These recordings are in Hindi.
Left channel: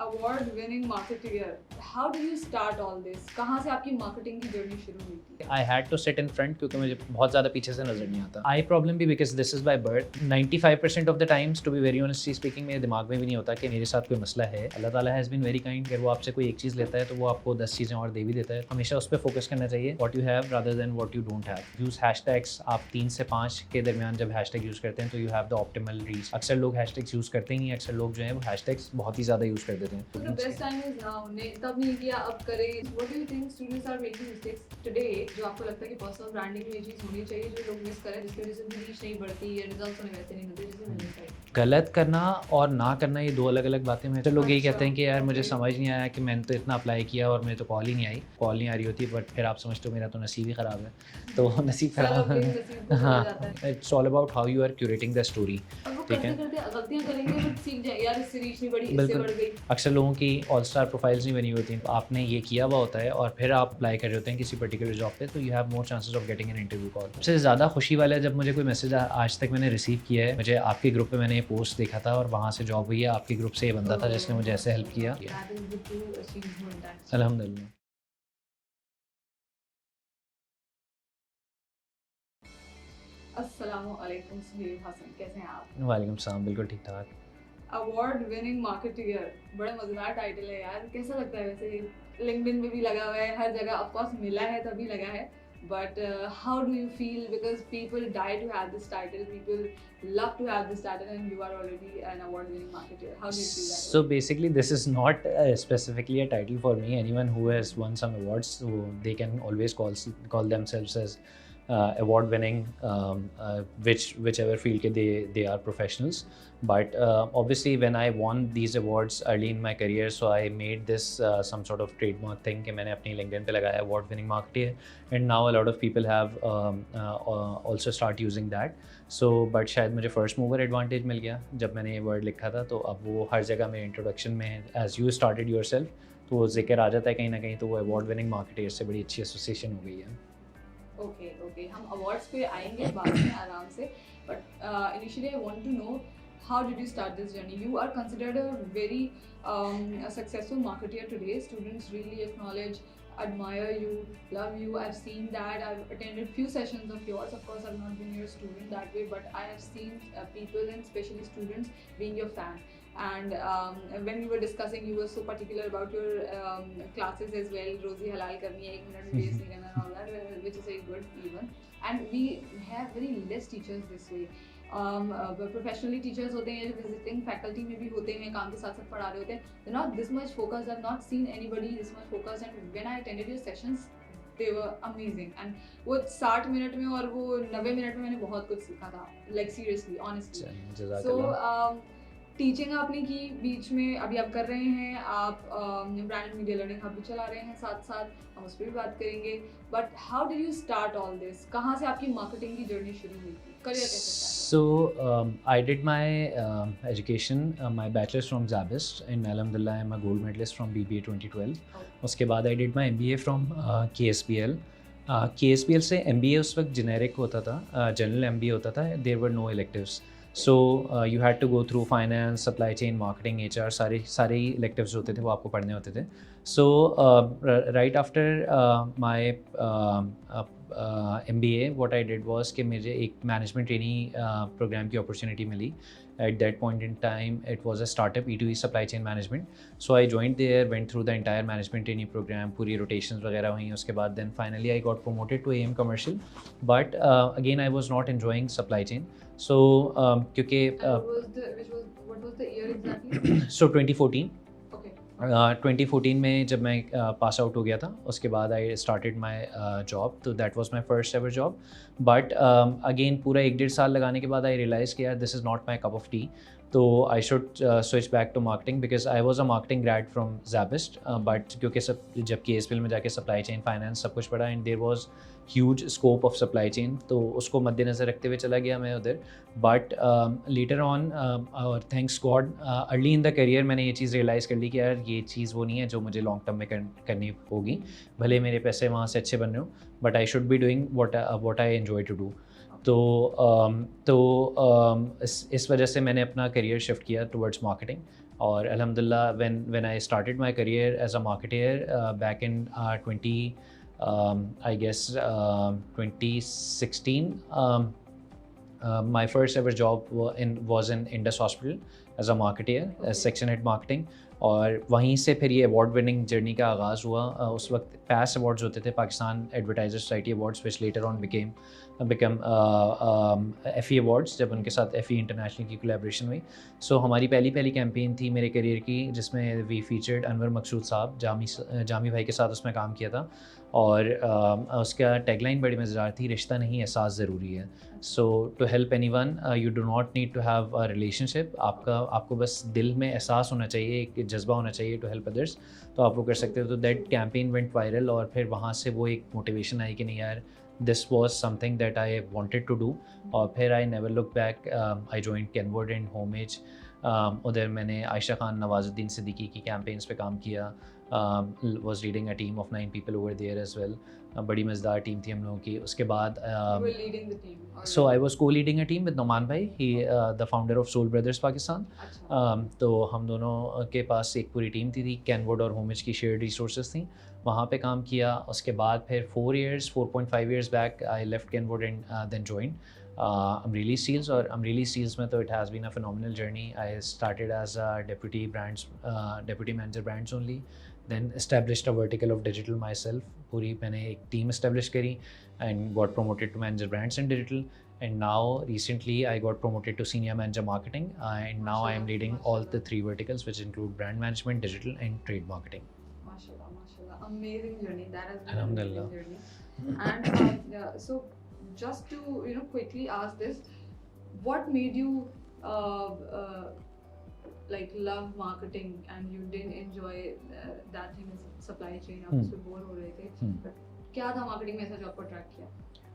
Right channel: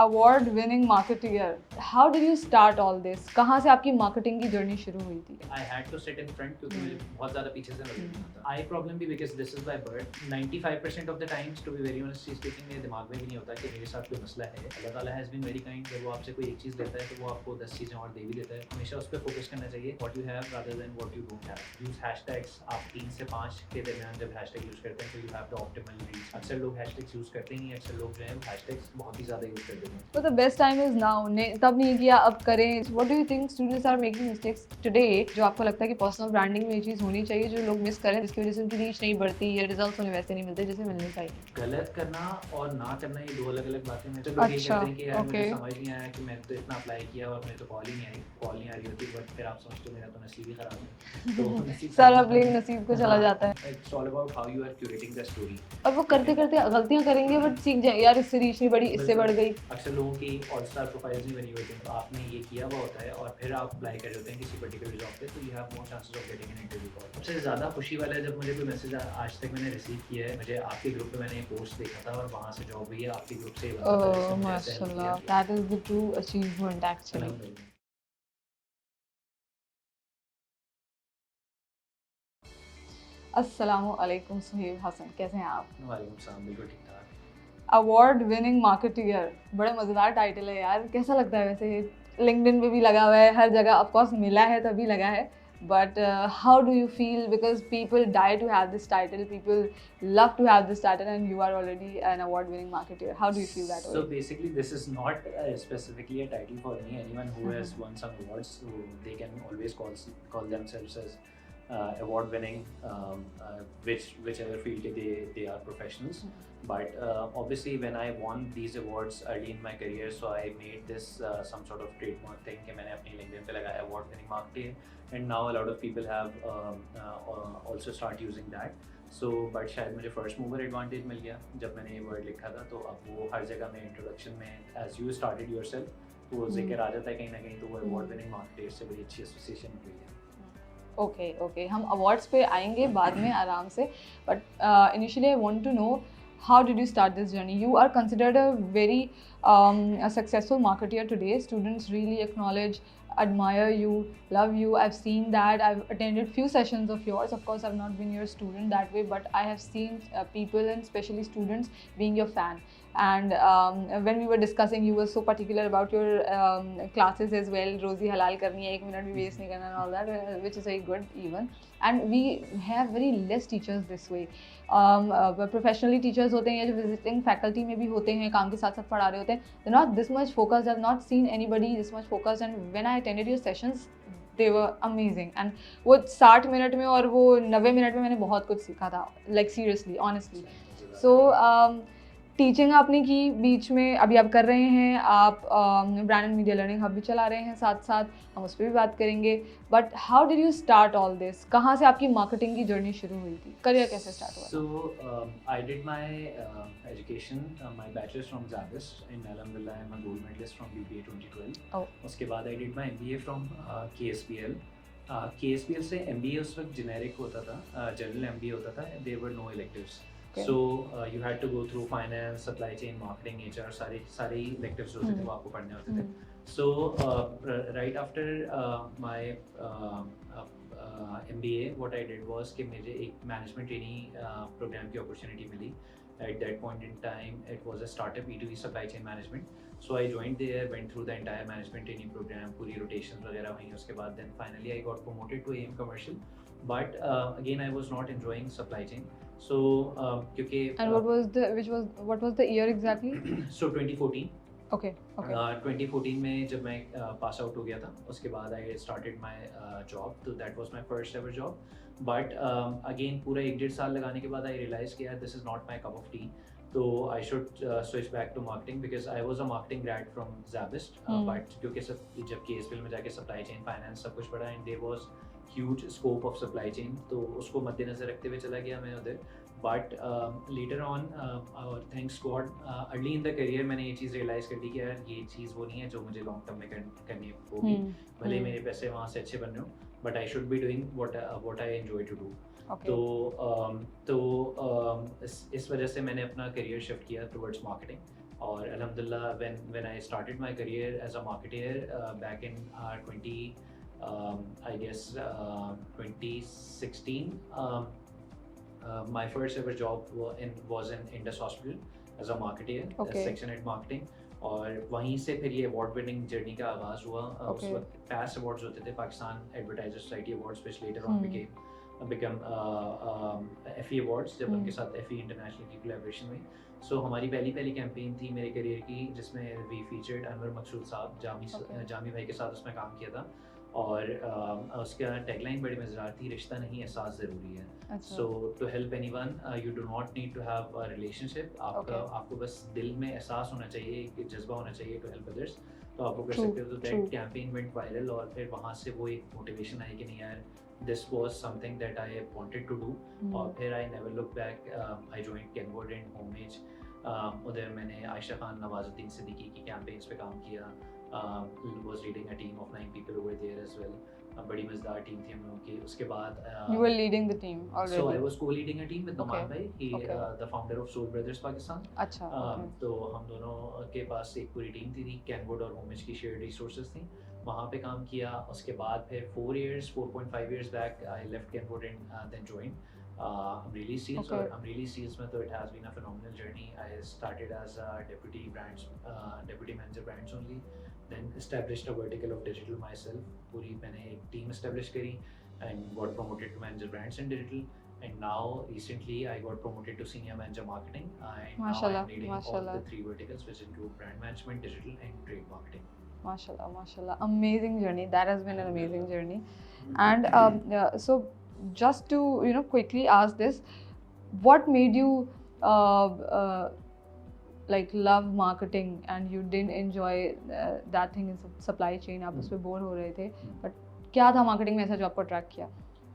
Award winning marketer, how did you start all this? कहाँ से आपकी मार्केटिंग की जर्नी शुरू हुई थी? I had to sit in front क्योंकि मुझे बहुत ज़्यादा पीछे से नजर नहीं आता। आई प्रॉब्लम भी because this is by birth. 95% of the times to be very honestly speaking मेरे दिमाग में भी नहीं होता कि मेरे साथ कोई मसला है। अल्लाह ताला हैज़ बीन वेरी काइंड। अगर वो आपसे कोई एक चीज़ लेता है तो वो आपको 10 चीज़ें और दे भी देता है। हमेशा उस पर फोकस करना चाहिए, what you have rather then what you don't have. Use hashtags. आप 3 से 5 के दरमियान जब हैशटैग यूज़ करते हैं तो you have the optimal reach. अक्सर लोग हैशटैग्स यूज़ करते ही नहीं, अक्सर लोग जो है वो हैशटैग्स बहुत ही ज़्यादा यूज़ कर देते हैं। So the best time is now. ने तब नहीं किया, अब करें. What do you think students are making mistakes today? जो आपको लगता है कि personal branding में ये चीज़ होनी चाहिए जो लोग मिस करें, जिसकी वजह से उनकी रीच नहीं बढ़ती या रिजल्ट्स उन्हें वैसे नहीं मिलते जैसे मिलने चाहिए. गलत करना और ना करना ये दो अलग अलग बातें हैं। तो लोग यही अच्छा, कहते हैं कि यार मुझे okay. समझ नहीं आया कि मैंने तो इतना अप्लाई किया और मुझे तो कॉल ही नहीं आई, कॉल नहीं आ रही होती, बट फिर आप समझते हो मेरा तो नसीब ही ख़राब है। तो नसीब सारा ब्लेम नसीब को चला जाता है. It's all about how you are curating the story. अब वो करते करते गलतियां करेंगे बट सीख जाए यार, इससे रीच नहीं बढ़ी, इससे बढ़ गई. अक्सर लोगों की ऑल स्टार प्रोफाइल्स नहीं बनी होती, तो आपने ये किया हुआ होता है और फिर आप अप्लाई कर रहे होते हैं किसी पर्टिकुलर जॉब पे, तो you have more chances of getting an interview call. सबसे ज़्यादा खुशी वाला है जब मुझे कोई मैसेज आज तक मैंने रिसीव किया है। मुझे आपके ग्रुप पे मैंने ये पोस्ट देखा था और वहाँ से जॉब हुई है। आपके ग्रुप से ये बंदा था जिसने मुझे ऐसे हेल्प किया। That is the true achievement actually. अल्हम्दुलिल्लाह। अस्सलामु अलैकुम सुहेब हसन, कैसे हैं आप? वालेकुम सलाम, बिल्कुल ठीक ठाक। अवार्ड विनिंग मार्केटियर, बड़ा मज़ेदार टाइटल है यार. कैसा लगता है वैसे? लिंक्डइन पे भी लगा हुआ है, हर जगह ऑफ कोर्स मिला है तभी लगा है. But how do you feel? Because people die to have this title, people love to have this title, and you are already an award winning marketeer. How do you feel that? So basically this is not specifically a title for me. Anyone who has won some awards, so they can always call themselves as award winning, whichever field they are professionals. But obviously when I won these awards early in my career, so I made this some sort of trademark thing कि मैंने अपनी LinkedIn पे लगाया award winning marketeer, and now a lot of people have also start using that. So but शायद मुझे first mover advantage मिल गया जब मैंने ये word लिखा था, तो अब वो हर जगह में introduction में as you started yourself तो वो जिक्र आ जाता है कहीं ना कहीं, तो वो award winning marketeer से बड़ी अच्छी association हो गई है। ओके, हम अवार्ड्स पे आएंगे बाद में आराम से. But initially I want to know, how did you start this journey? You are considered a very a successful marketeer today. Students really acknowledge, admire you, love you. I've seen that. I've attended few sessions of yours. Of course, I've not been your student that way, but I have seen people, and especially students, being your fan. And when we were discussing, you were so particular about your classes as well. Rozi halal karni hai, 1 minute bhi waste nahi karna, and all that, which is very good even. And we have very less teachers this way. Professionally teachers होते हैं जो विजिटिंग फैकल्टी में भी होते हैं, काम के साथ साथ पढ़ा रहे होते हैं. They not this much focused, I have not seen anybody this much focused. And when I attended your sessions they were amazing. And वो 60 मिनट में और वो 90 मिनट में मैंने बहुत कुछ सीखा था, like seriously, honestly. So teaching आपने की, बीच में अभी आप कर रहे हैं, आप brand and media learning hub भी चला रहे हैं साथ साथ, हम उस पर भी बात करेंगे. But how did you start all this? कहाँ से आपकी मार्केटिंग की जर्नी शुरू हुई थी? करियर कैसे स्टार्ट हुआ? So I did my education, my bachelor's from Zabist, and alhamdulillah I'm a gold medalist from BBA 2012. Oh. उसके बाद I did my MBA from KSPL. KSPL से MBA उस वक्त generic होता था, general MBA होता था, there were no electives. Okay. So you had to go through finance, supply chain, marketing, HR, सारे ही electives होते थे, वो आपको पढ़ने होते थे. So right after my MBA, what I did was कि मुझे एक management trainee program की opportunity milli. At that point in time, it was a startup, E2E supply chain management. So I joined there, went through the entire management trainee program, पूरी rotations वगैरह हुई. उसके बाद then finally I got promoted to AM commercial. But again, I was not enjoying supply chain. So क्योंकि and what was the year exactly? So 2014. Okay. 2014 में जब मैं पास आउट हो गया था, उसके बाद आई स्टार्टेड माई जॉब, तो that was my first ever job. But again पूरा 1-1.5 साल लगाने के बाद आई रियलाइज़ कि यार this is not my cup of tea, तो I should switch back to marketing because I was a marketing grad from Zabist. But क्योंकि सब जब KSPL में जाके सप्लाई चेन, फाइनेंस सब कुछ पढ़ा, and there was huge scope of supply chain, तो उसको मद्देनज़र रखते हुए चला गया मैं उधर. बट लेटर ऑन, और thanks God, early in the career मैंने ये चीज़ रियलाइज़ कर ली कि यार ये चीज़ वो नहीं है जो मुझे लॉन्ग टर्म में करनी होगी. भले मेरे पैसे वहाँ से अच्छे बन रहे हो, but I should be doing what I enjoy to do. तो इस वजह से मैंने अपना करियर शिफ्ट किया टुवर्ड्स मार्केटिंग. और अल्हम्दुलिल्लाह when I started my career as a marketer back in 20 I guess 2016 my first ever job was in Indus Hospital as a marketer as section head marketing और वहीं से फिर ये अवार्ड विनिंग जर्नी का आगाज़ हुआ उस वक्त पैस अवार्ड्स होते थे Pakistan advertiser society awards which later on become Effie awards जब उनके साथ एफ़ी इंटरनेशनल की कोलैबोरेशन हुई सो हमारी पहली कैंपेन थी मेरे करियर की जिसमें वी फीचर्ड अनवर मकसूद साहब जामी भाई के साथ उसमें काम किया था और उसका टैगलाइन बड़ी मज़ेदार थी रिश्ता नहीं एहसास ज़रूरी है so to help anyone you do not need to have a relationship आपको बस दिल में एहसास होना चाहिए एक जज्बा होना चाहिए टू हेल्प अदर्स तो आप वो कर सकते हो तो दैट कैंपेन वेंट वायरल और फिर वहाँ से वो एक मोटिवेशन आई कि नहीं यार this was something that I wanted to do और फिर I never look back I joined Kenwood and Homage उधर मैंने आयशा खान नवाजुद्दीन सिद्दीकी की कैंपेन्स पे काम किया was leading a team of 9 people over there as well बड़ी मज़ेदार टीम थी हम लोगों की उसके बाद you were leading the team already. So I was co-leading a team with Noman भाई he the founder of Soul Brothers Pakistan तो हम दोनों के पास एक पूरी टीम थी कैनवुड और होमेज की शेयर्ड रिसोर्सेज थी वहाँ पे काम किया उसके बाद फिर 4.5 years back I left Kenwood and then joined Amreli Seals और Amreli Seals में तो it has been a phenomenal journey I started as a deputy manager brands only then established a vertical of digital myself पूरी मैंने एक team establish करी and got promoted to manager brands and digital and now recently I got promoted to senior manager marketing and now I am leading all the 3 verticals which include brand management digital and trade marketing Mashallah amazing journey that has been an amazing journey and so just to quickly ask this what made you like love marketing and you didn't enjoy that thing in supply chain आप उसमें बोर हो रहे थे but क्या था marketing में ऐसा जो आपको attract किया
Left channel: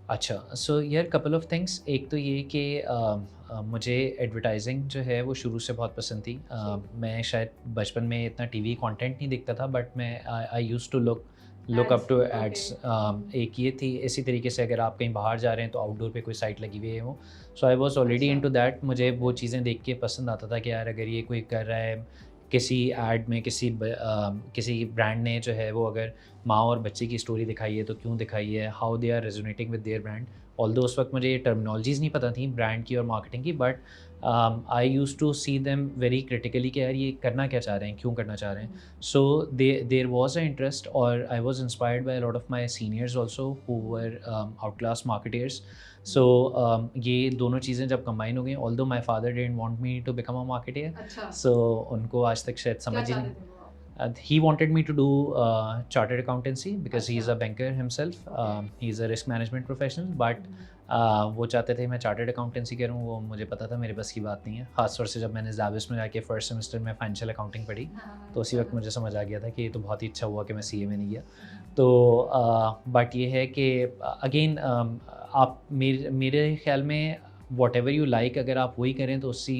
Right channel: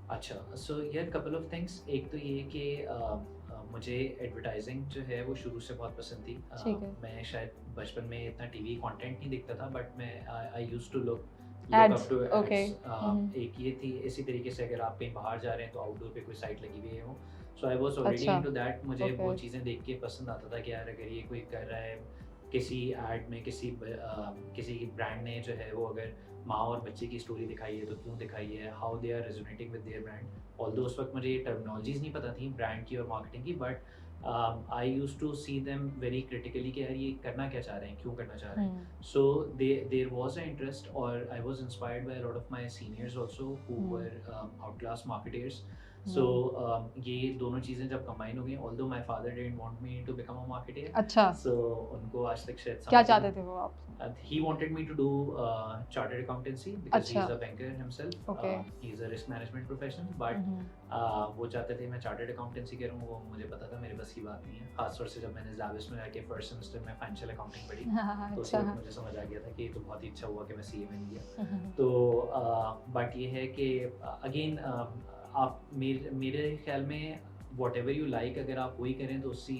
अच्छा सो यार couple of things एक तो ये कि मुझे एडवर्टाइजिंग जो है वो शुरू से बहुत पसंद थी मैं शायद बचपन में इतना टीवी कंटेंट नहीं देखता था बट मैं I used to look up to ads एक ये थी इसी तरीके से अगर आप कहीं बाहर जा रहे हैं तो आउटडोर पे कोई साइट लगी हुई है वो so I was already into that मुझे वो चीज़ें देख के पसंद आता था कि यार अगर ये कोई कर रहा है किसी एड में किसी ब्रांड ने जो है वो अगर माँ और बच्चे की स्टोरी दिखाई है तो क्यों दिखाई है how they are resonating with their brand although उस वक्त मुझे ये टर्मिनोलॉजीज़ नहीं पता थी ब्रांड की और मार्केटिंग की but I use to see them very critically कि यार ये करना क्या चाह रहे हैं क्यों करना चाह रहे हैं so there was a interest और I was inspired by lot of my seniors also who were out class marketers so ये दोनों चीज़ें जब कंबाइन हो गई although my father didn't want me to become a marketer अच्छा सो उनको आज तक शायद समझ क्या चाहते थे वो आप he wanted me to do chartered accountancy because he is a banker himself he is a risk management professional but वो चाहते थे मैं चार्टर्ड अकाउंटेंसी करूँ वो मुझे पता था मेरे बस की बात नहीं है खासतौर से जब मैंने ज़ाविस में जाके फर्स्ट सेमेस्टर में फाइनेंशियल अकाउंटिंग पढ़ी तो उसी वक्त मुझे समझ आ गया था कि ये तो बहुत ही अच्छा हुआ कि मैं सीए में नहीं गया तो बट ये है कि अगेन आप मेरे ख्याल में वॉट एवर यू लाइक अगर आप वही करें तो उससे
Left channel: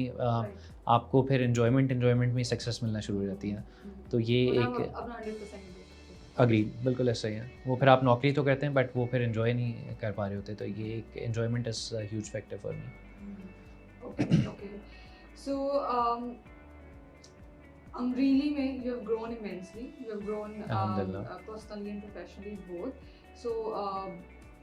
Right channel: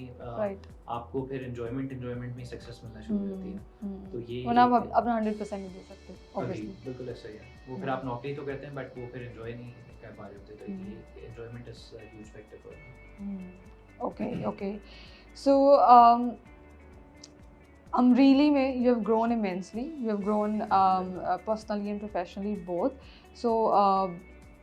आपको फिर एंजॉयमेंट में सक्सेस मिलना शुरू हो जाती है तो ये अपना 100% दे सकते अग्री बिल्कुल ऐसा ही है वो फिर आप नौकरी तो करते हैं बट वो फिर एंजॉय नहीं कर पा रहे होते तो ये एक enjoyment is a huge factor for me okay so Amreli में you have grown immensely you have grown personally and professionally both so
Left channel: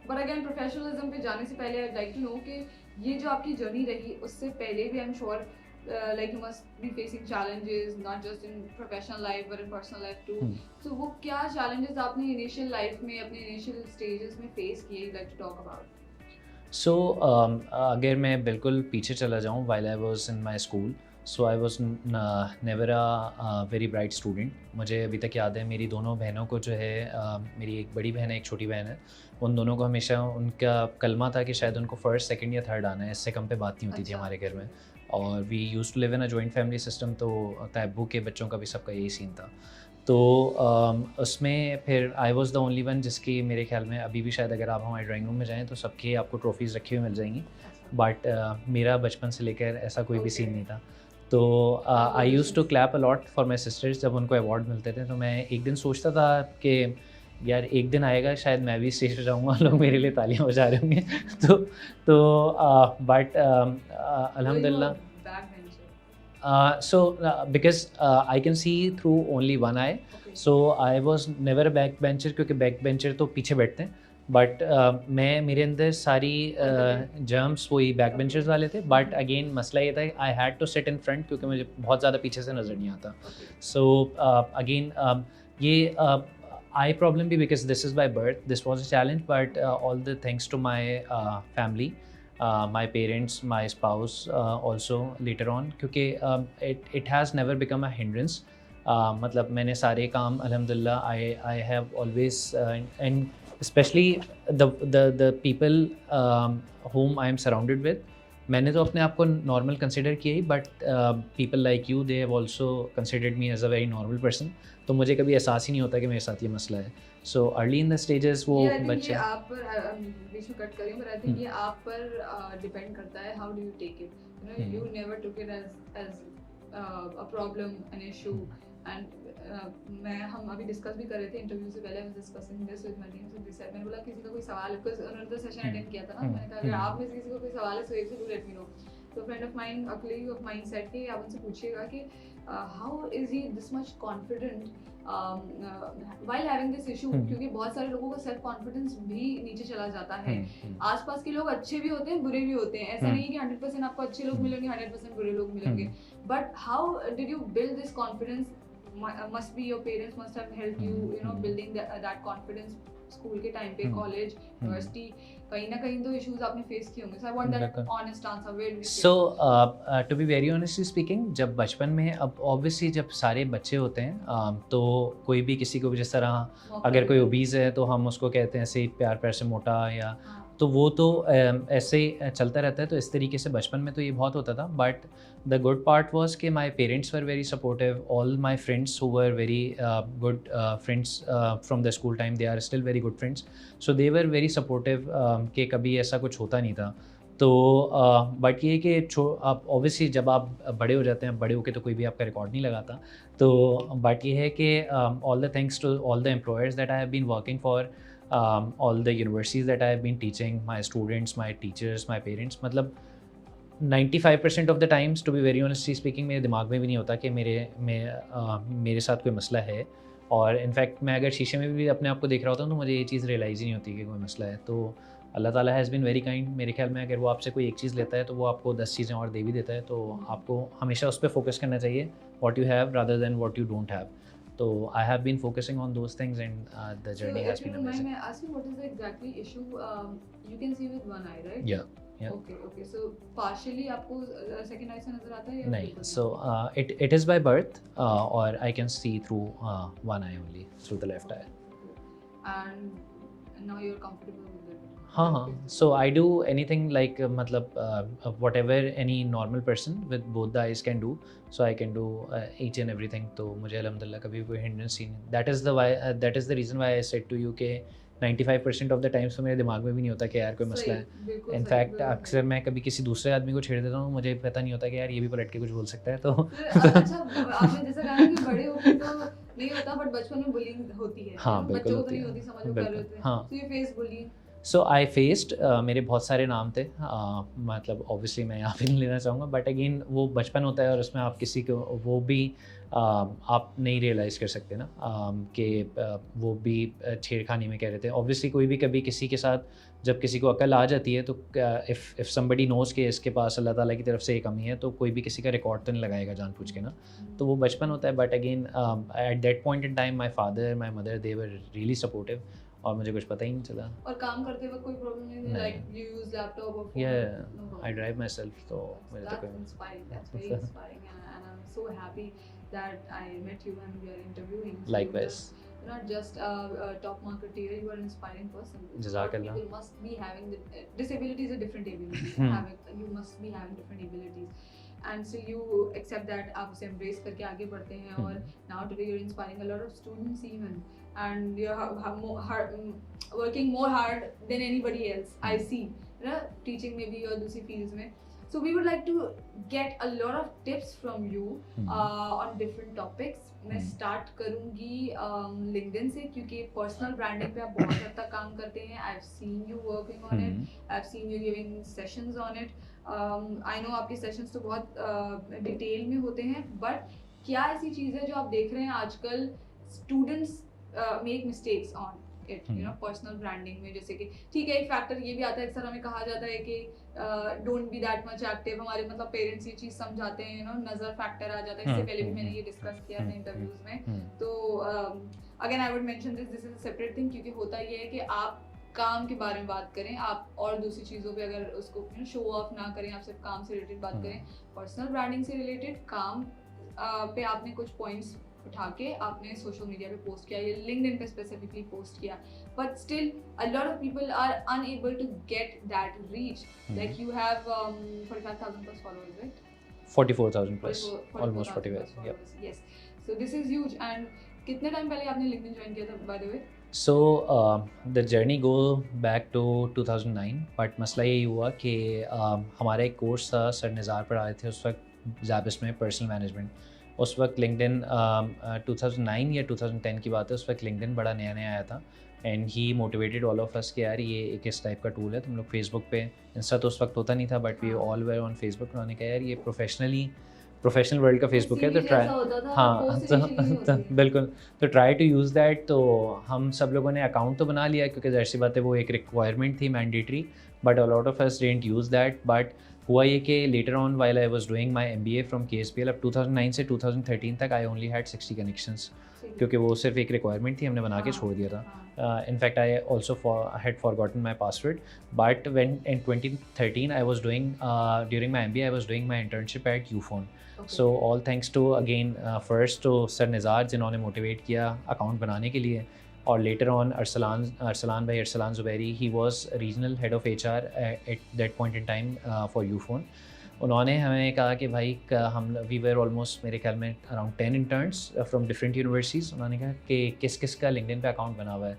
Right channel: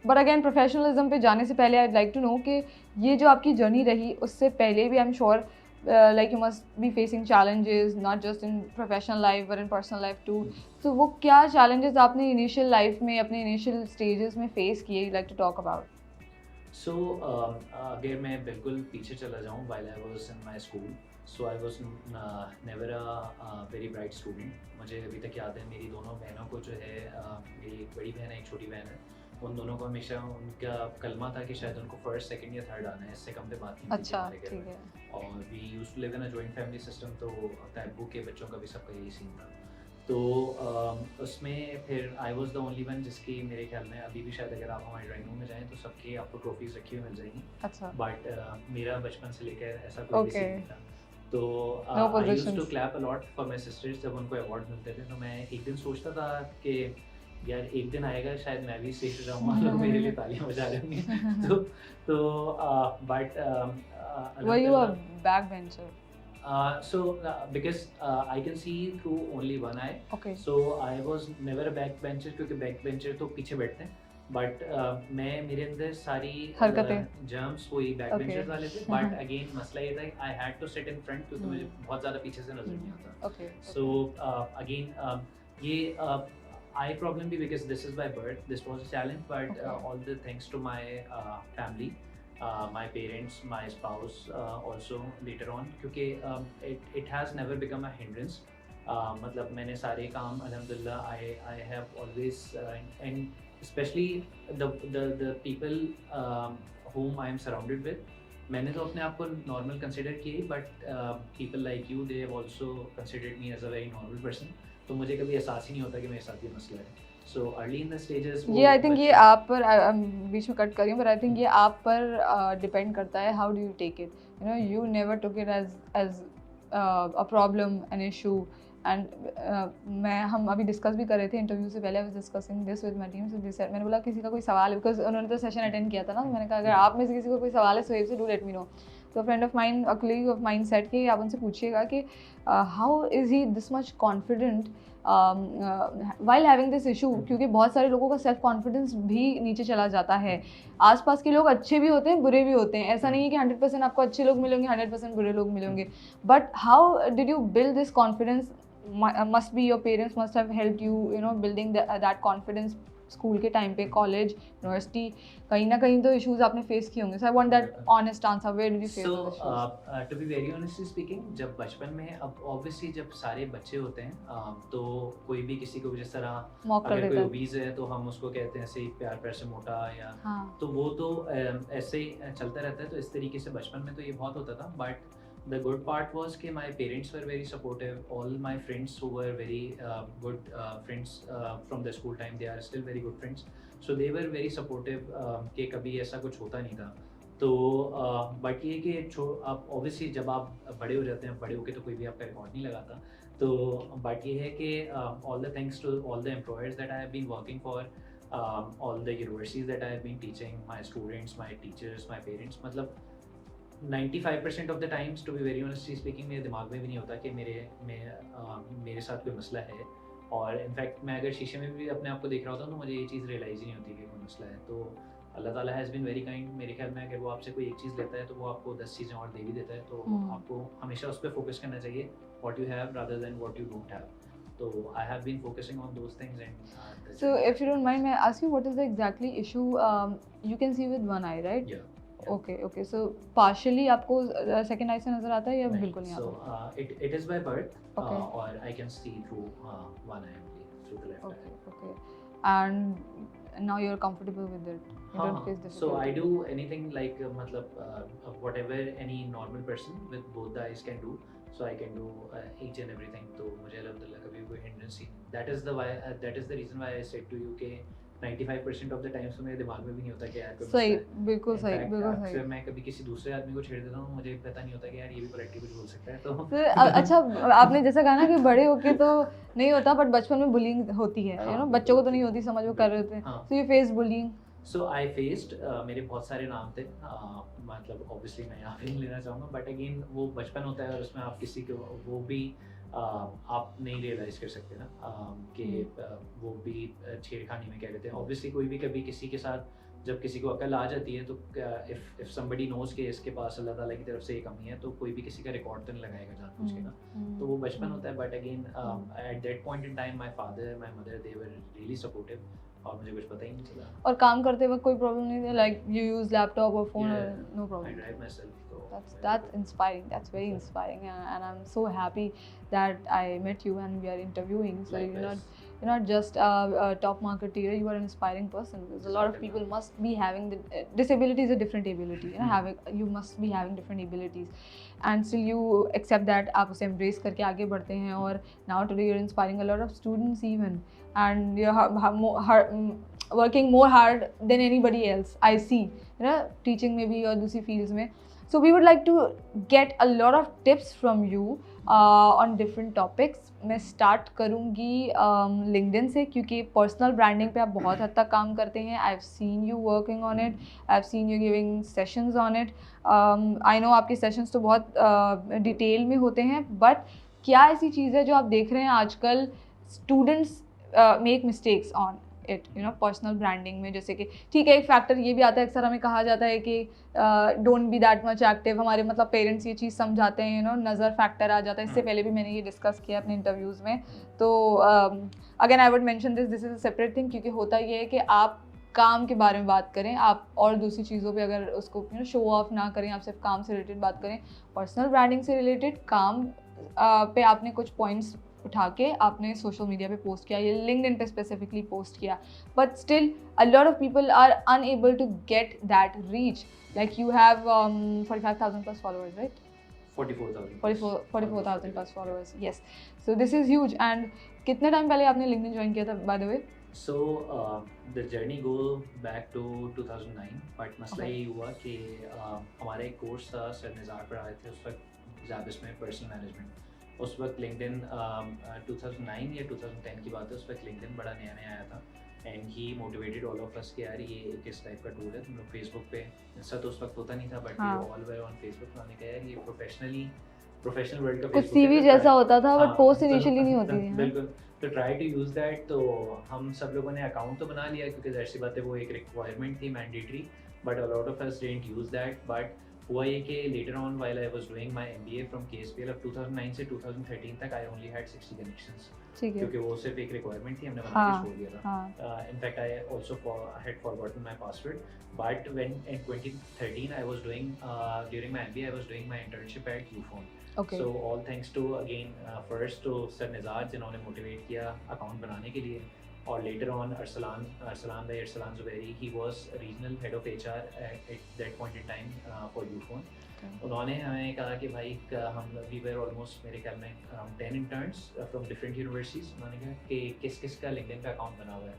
but again professionalism पे जाने से पहले I'd like to know कि ये जो आपकी जर्नी रही उससे पहले भी I'm sure like you must be facing challenges not just in professional life but in personal life too so वो क्या challenges आपने initial life में अपने initial stages में face किए you'd like to talk about so अगर मैं बिल्कुल पीछे चला जाऊँ while I was in my school so I was never a very bright student मुझे अभी तक याद है मेरी दोनों बहनों को जो है मेरी एक बड़ी बहन है एक छोटी बहन है उन दोनों को हमेशा उनका कलमा था कि शायद उनको फर्स्ट सेकंड या थर्ड आना है इससे कम पे बात नहीं होती थी हमारे घर में और we used to live in a joint family system तो तैबू के बच्चों का भी सबका यही सीन था तो उसमें फिर आई वाज द ओनली वन जिसकी मेरे ख्याल में अभी भी शायद अगर आप हमारे ड्राइंग रूम में जाएं तो सबके आपको ट्रॉफीज़ रखी हुई मिल जाएंगी बट मेरा बचपन से लेकर ऐसा कोई भी सीन नहीं था तो I used to clap a lot for my sisters जब उनको अवार्ड मिलते थे तो मैं एक दिन सोचता था कि यार एक दिन आएगा शायद मैं भी स्टेज पे जाऊँगा लोग मेरे लिए तालियां बजा रहे होंगे तो बट अल्हम्दुलिल्लाह Because I can see through only one eye, Okay. so I was never a backbencher, क्योंकि backbencher तो पीछे बैठते हैं, बट मैं मेरे अंदर सारी हरकतें। जर्म्स वही बैकबेंचर्स Okay. वाले थे, बट अगेन मसला ये था I had to sit in front क्योंकि मुझे बहुत ज़्यादा पीछे से नज़र नहीं आता. Okay. So again, ये eye problem भी because this is by birth. This was a challenge, but all the thanks to my family, my parents, my spouse also later on, क्योंकि it has never become a hindrance. मतलब मैंने सारे काम अल्हम्दुलिल्लाह I have always and especially the people whom I am surrounded with, मैंने तो अपने आप को नॉर्मल कंसिडर किया ही, but people like you they have also considered me as a very normal person. तो मुझे कभी एहसास ही नहीं होता कि मेरे साथ ये मसला है. So early in the stages वो ये आई थिंक ये आप पर बीच में कट कर रही हूँ, पर आई थिंक ये आप पर डिपेंड करता है how do you take it. You know you never took it as a problem, an issue. And हम अभी डिस्कस भी कर रहे थे इंटरव्यू से पहले. I was discussing this with my team. So this मैंने बोला किसी का कोई सवाल है, बिकॉज उन्होंने तो सेशन अटेंड किया था ना. मैंने कहा अगर आप में से किसी को कोई सवाल है so do let me know. तो friend of mine, a colleague of mine said कि आप उनसे पूछिएगा कि how is he this much confident while having this issue, क्योंकि बहुत सारे लोगों का सेल्फ कॉन्फिडेंस भी नीचे चला जाता है. आसपास के लोग अच्छे भी होते हैं, बुरे भी होते हैं. ऐसा नहीं है कि 100% आपको अच्छे लोग मिलेंगे, 100% बुरे लोग मिलेंगे. But how did you build this confidence? Must be your parents must have helped you, you know, building that confidence school के टाइम पे, कॉलेज, यूनिवर्सिटी, कहीं ना कहीं तो इश्यूज आपने फेस किए होंगे. So I want that honest answer. Where did you face? So to be very honestly speaking, जब बचपन में, अब ऑब्वियसली जब सारे बच्चे होते हैं तो कोई भी किसी को भी जिस तरह अगर कोई ओबीज है तो हम उसको कहते हैं ऐसे प्यार प्यार से मोटा, या तो वो तो ऐसे ही चलता रहता है. तो इस तरीके से बचपन में तो ये बहुत होता था. But the good part was कि my parents were very supportive. All my friends who were very good friends from the school time, they are still very good friends. So they were very supportive कि कभी ऐसा कुछ होता नहीं था. तो बट ये कि आप ऑब्वियसली जब आप बड़े हो जाते हैं, बड़े होके तो कोई भी आपका रिकॉर्ड नहीं लगाता. तो बट ये है कि all the thanks to all the employers that I have been working for, all the universities that I have been teaching, my students, my teachers, my parents, मतलब 95% of the times, to be very honestly speaking, मेरे दिमाग में भी नहीं होता कि मेरे साथ कोई मसला है. और इनफैक्ट मैं अगर शीशे में भी अपने आप को देख रहा होता हूँ तो मुझे ये चीज़ रियलाइज़ ही नहीं होती कि कोई मसला है. तो अल्लाह ताला हैज़ बीन वेरी काइंड. मेरे ख्याल में अगर वो आपसे कोई एक चीज़ लेता है तो वो आपको 10 चीज़ें और दे भी देता है. तो आपको हमेशा उस पर फोकस करना चाहिए, what you have rather than what you don't have. तो I have been focusing on those things and the journey. So if you don't mind, मैं ask you what is the exactly issue. You can see with one eye, right? या Okay. So partially आपको second eye से नजर आता है या बिल्कुल नहीं? So it is by birth, or I can see through one eye only, through the left eye. Okay. And now you're comfortable with it? हाँ. So I do anything like मतलब whatever any normal person with both the eyes can do. So I can do each and everything. तो मुझे अल्हम्दुलिल्लाह कभी कोई hindrance नहीं. That is the reason why I said to you कि 95% ऑफ द टाइम्स तो मेरे दिमाग में भी नहीं होता कि यार कोई मसला है. इनफैक्ट अक्सर मैं कभी किसी दूसरे आदमी को छेड़ देता हूँ, मुझे पता नहीं होता कि यार ये भी पलट के कुछ बोल सकता है. तो अच्छा, आपने जैसा कहा ना कि बड़े होके तो नहीं होता, बट बचपन में बुलिंग होती है. बच्चों को तो नहीं होती, समझ वो कर रहे थे. So you face bullying? So I faced, मेरे बहुत सारे नाम थे. मतलब ऑब्वियसली मैं यहाँ पे नहीं लेना चाहूँगा, बट अगेन वो बचपन होता है और उसमें आप किसी को वो भी आप नहीं रियलाइज़ कर सकते ना कि वो भी छेड़खानी में कह रहे थे. ऑब्वियसली कोई भी कभी किसी के साथ जब किसी को अकल आ जाती है तो इफ़ समबडी नोज़ कि इसके पास अल्लाह ताला की तरफ से ये कमी है तो कोई भी किसी का रिकॉर्ड तो नहीं लगाएगा जानबूझ के ना. तो वो बचपन होता है. But again eight that point in time my father, my mother, they were really supportive और मुझे कुछ पता ही नहीं चला. और काम करते वक्त कोई प्रॉब्लम नहीं थी? लाइक यू यूज लैपटॉप और phone? No problem. I drive myself. तो that's inspiring. That's very inspiring, and I'm so happy that I met you and we are interviewing. So likewise. You're not just a top marketeer, you are an inspiring person. A lot of people must be having disability is a different ability. You must be having different abilities, and still you accept that, आप उसे embrace करके आगे बढ़ते हैं. और now today you're inspiring a lot of students even, and you're working more hard than anybody else. I see, you know, teaching में भी और दूसरी fields में. So we would like to get a lot of tips from you on different topics. मैं स्टार्ट करूँगी लिंक्डइन से, क्योंकि पर्सनल ब्रांडिंग पे आप बहुत हद तक काम करते हैं. आई have seen you working on it, I have seen you giving sessions on it. I know आपके सेशंस तो बहुत डिटेल में होते हैं, बट क्या ऐसी चीज़ है जो आप देख रहे हैं आजकल students make mistakes on it, you no, personal branding में? जैसे कि ठीक है, एक फैक्टर ये भी आता है, अक्सर हमें कहा जाता है कि don't be that much active. हमारे मतलब पेरेंट्स ये चीज़ समझाते हैं, यू नो, नज़र फैक्टर आ जाता है. इससे पहले भी मैंने ये डिस्कस किया अपने इंटरव्यूज़ में. तो again I would mention this is a separate thing, क्योंकि होता ये है कि आप काम के बारे में बात करें, आप और दूसरी चीज़ों पे अगर उसको, यू नो, शो ऑफ ना करें, आप सिर्फ काम से रिलेटेड बात करें. पर्सनल ब्रांडिंग से रिलेटेड काम पे आपने कुछ पॉइंट्स उठा के आपने सोशल मीडिया पे पोस्ट किया, ये लिंक्डइन पे स्पेसिफिकली पोस्ट किया, but still a lot of people are unable to get that reach. Like you have 45,000 plus followers, right? 44,000 plus. 44,000 plus followers, yes. So this is huge. And कितने टाइम पहले आपने लिंक्डइन ज्वाइन किया था, by the way? So the journey go back to 2009, but मसला ये हुआ कि हमारा एक कोर्स था, सर निज़ार पढ़ा रहे थे उस वक्त ज़ाबिस में, पर्सनल मैनेजमेंट. उस वक्त लिंक्डइन 2009 या 2010 की बात है, उस वक्त लिंक्डइन बड़ा नया नया आया था. And he motivated all of us कि यार ये एक इस टाइप का टूल है, तुम लोग फेसबुक पे, इंस्टा तो उस वक्त होता नहीं था, but we all were on Facebook. उन्होंने कहा यार ये प्रोफेशनल वर्ल्ड का फेसबुक है, तो जैसा होता था, बट पोस्ट इनिशियली नहीं होती है. बिल्कुल. तो ट्राई टू यूज़ दैट. तो हम सब लोगों ने अकाउंट तो बना लिया, क्योंकि ज़ाहिर सी बात है वो एक रिक्वायरमेंट थी, mandatory, but a lot of us didn't use that. But हुआ ये कि later on while I was doing my MBA from KSPL, अब 2009 से 2013 तक आई ओनली हैड 60 कनेक्शंस, क्योंकि वो सिर्फ एक रिक्वायरमेंट थी, हमने बना के छोड़ दिया था. In fact I also had forgotten my password. But when in 2013 I was doing during my MBA I was doing my internship at Ufone. So all thanks to again first to sir Nizar, जिन्होंने मोटिवेट किया अकाउंट बनाने के लिए, और later on Arsalan Zubairi, he was regional head of HR at that point in time for Ufone. उन्होंने हमें कहा कि भाई हम वी वेर ऑलमोस्ट मेरे ख्याल में around 10 interns from different universities. उन्होंने कहा कि किस किस का लिंक्डइन पे अकाउंट बना हुआ है,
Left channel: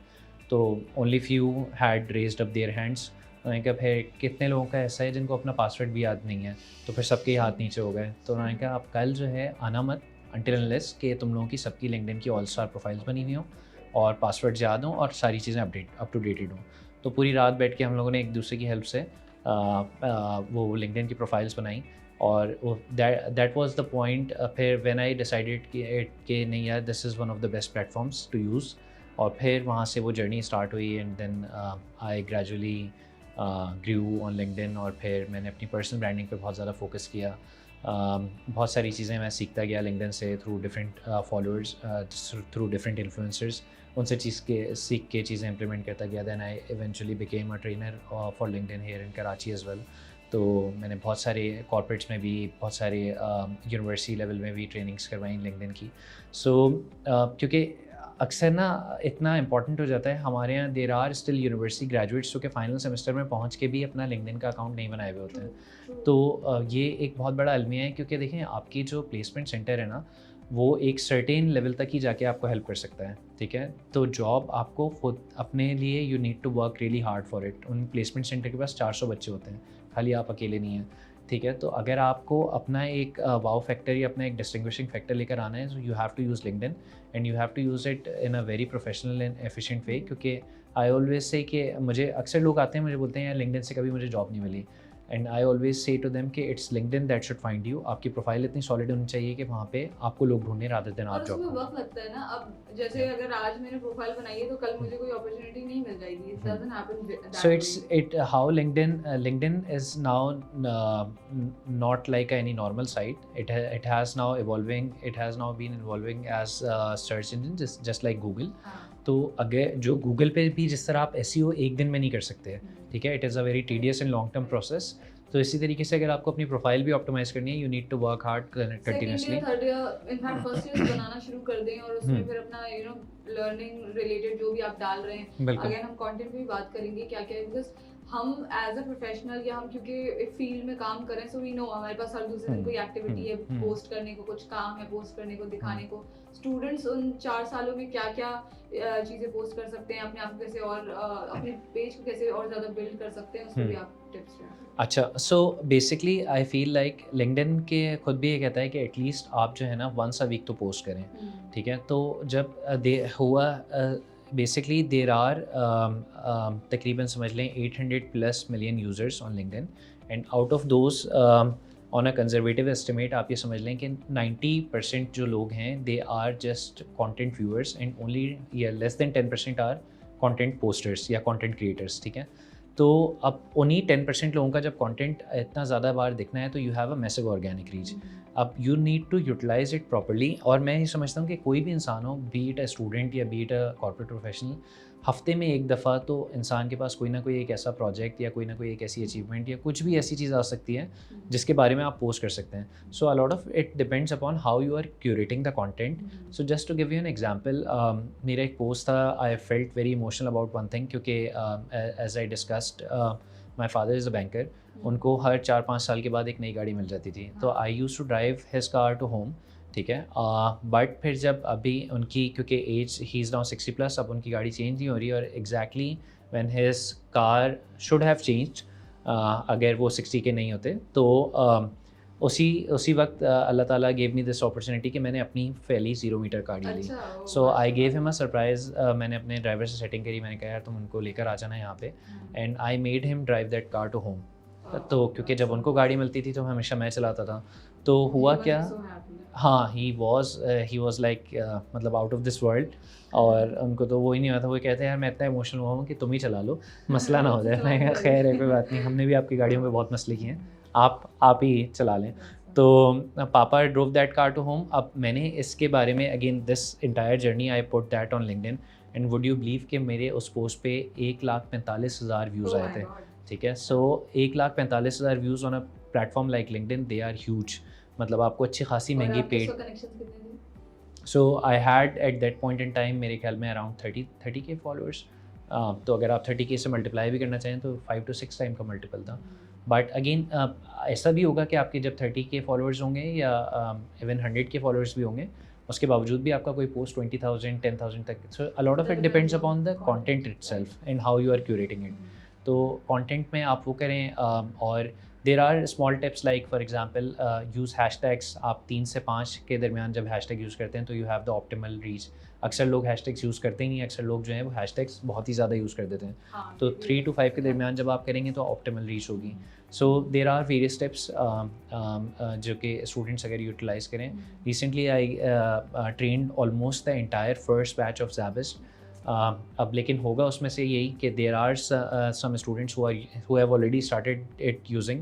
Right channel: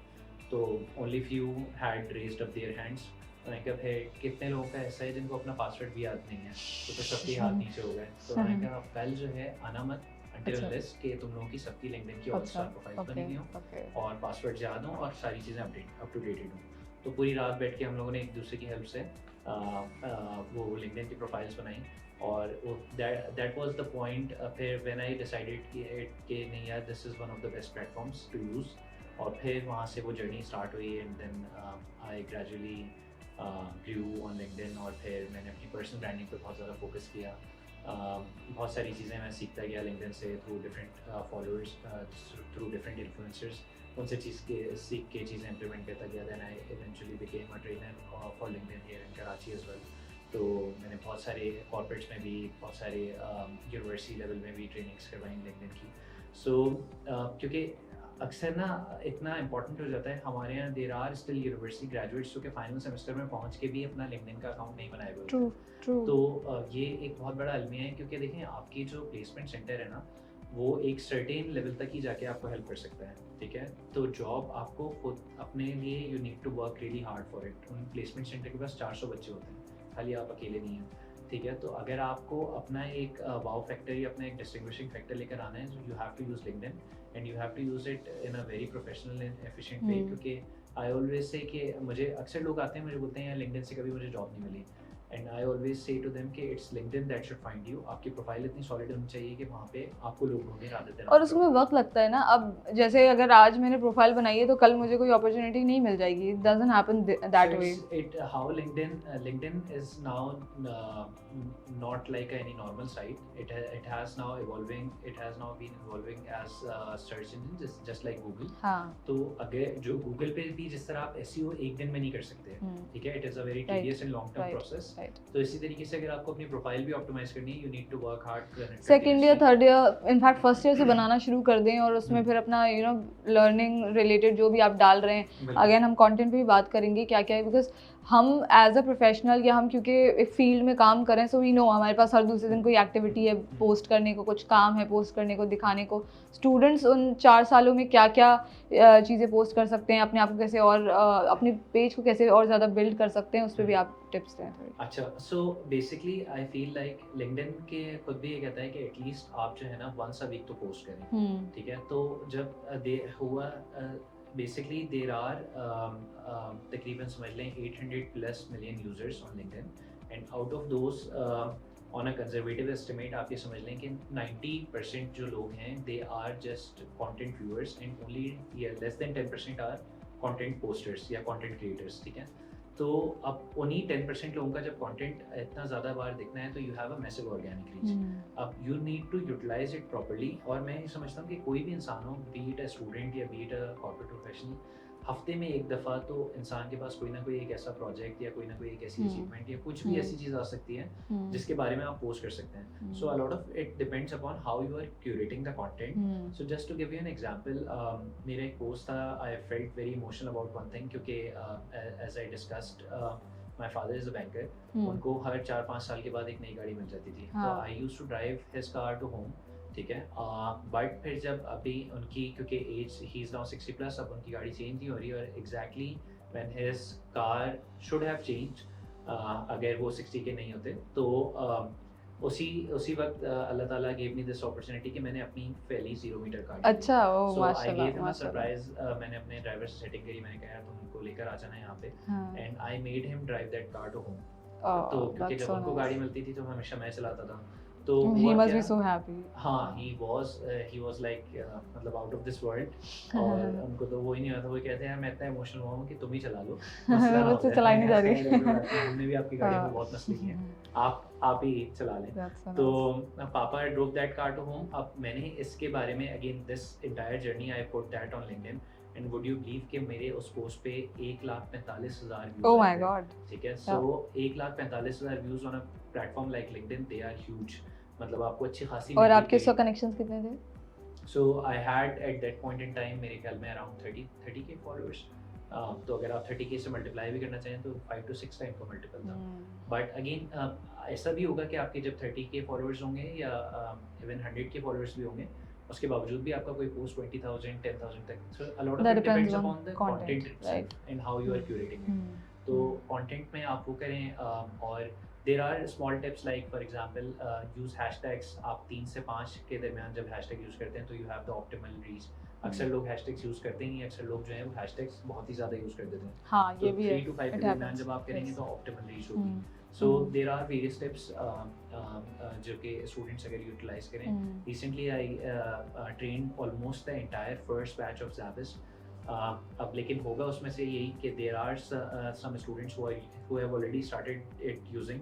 तो only few had raised up their hands. उन्होंने कहा फिर कितने लोगों का ऐसा है जिनको अपना पासवर्ड भी याद नहीं है, तो फिर सबके हाथ नीचे हो गए. तो उन्होंने कहा आप कल जो है आना मत until unless कि तुम लोगों की सबकी लिंक्डइन की ऑल स्टार प्रोफाइल्स बनी हुई हों और पासवर्ड याद हों और सारी चीज़ें अप टू डेटेड हों. तो पूरी रात बैठ के हम लोगों ने एक दूसरे की हेल्प से वो लिंक्डइन की प्रोफाइल्स बनाई, और दैट वाज द पॉइंट. फिर व्हेन आई डिसाइडेड कि नहीं यार, this is one of the best platforms to use, और फिर वहाँ से वो जर्नी स्टार्ट हुई. And then I gradually grew on LinkedIn, और फिर मैंने अपनी पर्सनल ब्रांडिंग पे बहुत ज़्यादा फोकस किया. बहुत सारी चीज़ें मैं सीखता गया लिंक्डइन से, through different followers, through different influencers, उनसे सीख के चीज़ें इंप्लीमेंट करता गया. Then I eventually became a trainer for LinkedIn here in Karachi as well. तो मैंने बहुत सारे कॉर्पोरेट्स में भी, बहुत सारे यूनिवर्सिटी लेवल में भी ट्रेनिंग्स करवाई लिंक्डइन की. सो क्योंकि अक्सर ना इतना इंपॉर्टेंट हो जाता है हमारे यहाँ, there are still university graduates जो कि फाइनल सेमेस्टर में पहुँच के भी अपना लिंक्डइन का अकाउंट नहीं बनाए हुए होते हैं. तो ये एक बहुत बड़ा अलमिया है, क्योंकि देखें आपकी जो प्लेसमेंट सेंटर है ना, वो एक सर्टेन लेवल तक ही जाके आपको हेल्प कर सकता है. ठीक है, तो जॉब आपको खुद अपने लिए you need to work really hard for it. उन प्लेसमेंट सेंटर के पास 400 बच्चे होते हैं, खाली आप अकेले नहीं हैं. ठीक है, तो अगर आपको अपना एक वाव फैक्टर या अपना एक डिस्टिंग्विशिंग फैक्टर लेकर आना है, so you have to use LinkedIn and you have to use it in a very professional and efficient way. क्योंकि आई ऑलवेज से कि मुझे अक्सर लोग आते हैं, मुझे बोलते हैं यार लिंक्डइन से कभी मुझे जॉब नहीं मिली, and I always say to them कि it's LinkedIn that should find you. आपकी प्रोफाइल इतनी सॉलिड होनी चाहिए कि वहाँ पे आपको लोग ढूंढने रादर देना. और उसमें वक्त लगता है ना. अब जैसे अगर आज मैंने प्रोफाइल बनाई है तो कल मुझे कोई अपॉर्चुनिटी नहीं मिल जाएगी. It doesn't happen that way. So it how LinkedIn is now not like any normal site. It has now been evolving as a search engine, just like Google. तो अगर जो Google पे भी जिस तरह आप SEO एक दिन में नहीं कर सकते, ठीक है, it is a very tedious and long term process. तो इसी तरीके से अगर आपको अपनी प्रोफाइल भी ऑप्टिमाइज करनी है, you need to work hard. Second year, third year, in fact first year से बनाना शुरू कर दें, और उसमें फिर अपना यू नो लर्निंग रिलेटेड जो भी आप डाल रहे हैं, अगेन हम कंटेंट पे भी बात करेंगे क्या क्या है, बिकॉज हम एज अ प्रोफेशनल या हम क्योंकि एक फील्ड में काम करें, सो वी नो हमारे पास हर दूसरे दिन कोई एक्टिविटी है पोस्ट करने को, कुछ काम है पोस्ट करने को, दिखाने को. स्टूडेंट्स उन 4 सालों में क्या क्या चीज़ें पोस्ट कर सकते हैं, अपने आप को कैसे और अपने पेज को कैसे और ज़्यादा बिल्ड कर सकते हैं, उस पर भी आप टिप्स हैं फिर? अच्छा, so basically I feel like LinkedIn के खुद भी ये कहता है कि एटलीस्ट आप जो है ना वंस अ वीक तो पोस्ट करें, ठीक है? तो जब दे हुआ बेसिकली देर आर तकरीबन समझ लें 800 plus million users on LinkedIn, and out of those on a conservative estimate आप ये समझ लें कि 90% जो लोग हैं they are just content viewers, and only या less than 10% are content posters या कंटेंट क्रिएटर्स, ठीक है? तो अब उन्हीं 10% लोगों का जब कंटेंट इतना ज़्यादा बार दिखना है तो you have a massive organic reach. अब you need to utilise it properly, और मैं ये समझता हूँ कि कोई भी इंसान हो, बी इट अ स्टूडेंट या B it a corporate professional, हफ्ते में एक दफ़ा तो इंसान के पास कोई ना कोई एक ऐसा प्रोजेक्ट या कोई ना कोई एक ऐसी अचीवमेंट या कुछ भी ऐसी चीज़ आ सकती है जिसके बारे में आप पोस्ट कर सकते हैं। So a lot of it depends upon how you are curating the content. So just to give you an example, मेरा एक पोस्ट था, I felt very emotional about one thing, क्योंकि as I discussed my father is a banker, उनको हर 4-5 साल के बाद एक नई गाड़ी मिल जाती थी, तो I use to drive his car to home, ठीक है? बट फिर जब अभी उनकी, क्योंकि एज ही इज़ नाउ 60+, अब उनकी गाड़ी चेंज नहीं हो रही, और exactly when his car should have changed, अगर वो 60 के नहीं होते तो उसी वक्त अल्लाह ताला गेव मी दिस अपॉर्चुनिटी कि मैंने अपनी पहली 0 मीटर कार ली। अच्छा, so I gave him a surprise, मैंने अपने ड्राइवर से सेटिंग करी, मैंने कहा यार तुम उनको लेकर आ जाना यहाँ पे, and I made him drive that car to home. तो क्योंकि जब उनको गाड़ी मिलती थी तो हमेशा मैं चलाता था, तो हुआ क्या, हाँ, ही वाज लाइक मतलब आउट ऑफ दिस वर्ल्ड, और उनको तो वो ही नहीं आता, वो कहते हैं यार मैं इतना इमोशनल हुआ हूँ कि तुम ही चला लो, मसला ना हो जाए। खैर है, कोई बात नहीं, हमने भी आपकी गाड़ियों में बहुत मसले किए हैं, आप ही चला लें। तो पापा drove that car to home. अब मैंने इसके बारे में again this entire journey I put that on LinkedIn, and would you believe कि मेरे उस पोस्ट पे 1,45,000 व्यूज़ आए थे, ठीक है? So 1,45,000 views on a platform like LinkedIn, they are huge, मतलब आपको अच्छी खासी और महंगी आपके सो कनेक्शंस कितने थे? So I had at that point in time मेरे ख्याल में अराउंड 30 के फॉलोअर्स, तो अगर आप 30 के से मल्टीप्लाई भी करना चाहें तो 5 to 6 टाइम का मल्टीपल था। बट अगेन ऐसा भी होगा कि आपके जब 30 के फॉलोअर्स होंगे या इवन 100 के फॉलोअर्स भी होंगे, उसके बावजूद भी आपका कोई पोस्ट 20,000 10,000 तक, so a lot of it depends upon the content itself and how you are curating it. तो कंटेंट में आप वो करें, और there are small tips like for example use hashtags. आप 3 से 5 के दरमियान जब हैशटैग यूज़ करते हैं तो you have the optimal reach. अक्सर लोग हैशटैग्स यूज़ करते ही नहीं, अक्सर लोग जो हैं वो हैशटैग्स बहुत ही ज़्यादा यूज़ कर देते हैं। हाँ, तो 3 to 5 के दरमियान जब आप करेंगे तो ऑप्टिमल रीच होगी। So there are various tips जो कि स्टूडेंट्स अगर यूटिलाइज़ करें। Recently I trained almost the entire first batch of Zabist. अब लेकिन होगा उसमें से यही कि there are some students who have already started it using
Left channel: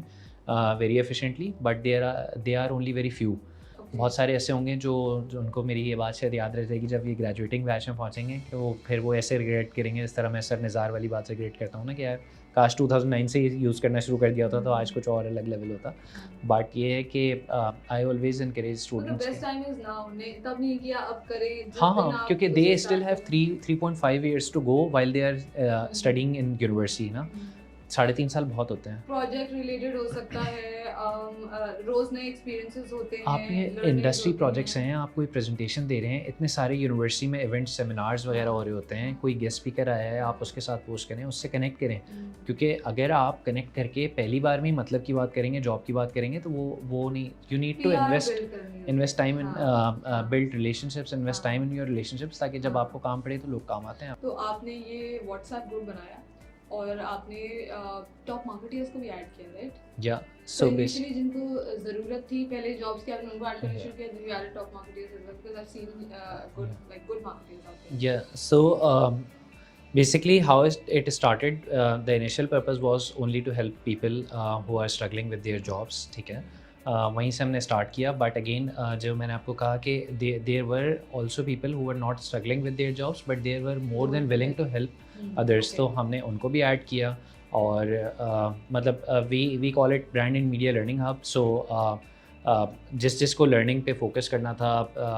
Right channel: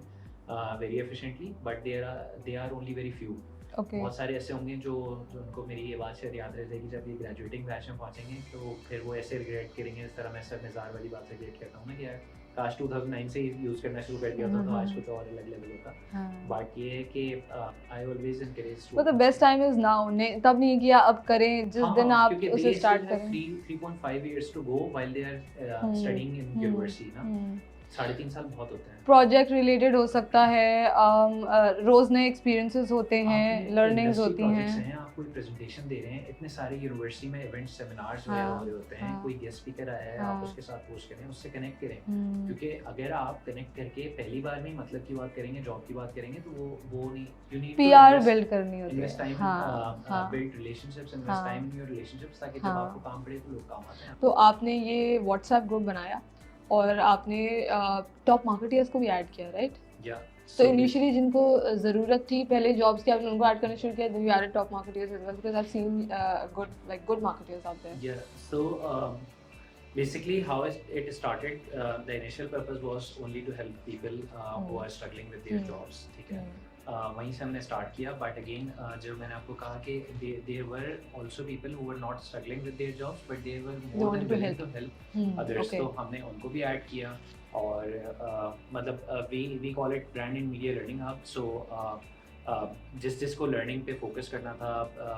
very efficiently, but they are only very few. बहुत सारे ऐसे होंगे जो उनको मेरी ये बात शायद याद रहेगी, जब ये ग्रेजुएटिंग बैच में पहुँचेंगे तो फिर वो ऐसे रिग्रेट करेंगे, इस तरह मैं सर निज़ार वाली बात से रिग्रेट करता हूँ ना कि यार काश 2009 से यूज़ करना शुरू कर दिया होता तो आज कुछ और अलग लेवल होता। बट ये है कि I always encourage students, the best time is now, तब नहीं किया अब करें जिस दिन आप, क्योंकि they still have 3.5 years to go while they are studying in university ना। 3.5 साल बहुत होते हैं। प्रोजेक्ट रिलेटेड हो सकता है, रोज नए एक्सपीरियंसेस होते हैं, लर्निंग्स इंडस्ट्री होती प्रोजेक्ट्स हैं। हैं, आप कोई प्रेजेंटेशन दे रहे हैं, इतने सारे यूनिवर्सिटी में इवेंट सेमिनार्स वगैरह हो रहे होते हैं, कोई गेस्ट स्पीकर आया है, आप उसके साथ पोस्ट करें, उससे कनेक्ट करें, क्योंकि अगर आप कनेक्ट करके पहली बार में मतलब की बात करेंगे, जॉब की बात करेंगे, तो वो नहीं, you need to invest time in build relationships, invest time in your relationships, ताकि जब आपको काम पड़े तो लोग काम आते हैं। तो आपने ये व्हाट्सएप ग्रुप बनाया और आपने टॉप मार्केटर्स को भी ऐड किया, राइट? या तो इनिशियली जिनको ज़रूरत थी पहले जॉब्स की, आपने उनको ऐड करना शुरू किया, then you added top marketers as well, because I have seen good marketers out there. या so basically how it started, the initial purpose was only to help people who are struggling with their jobs, ठीक है? वहीं से हमने स्टार्ट किया, बट अगेन जो मैंने आपको कहा कि there were also people who were not struggling with their jobs but there were more than willing to help others, तो हमने उनको भी ऐड किया। और मतलब we call it brand and media learning hub. So जिसको लर्निंग पे फोकस करना था,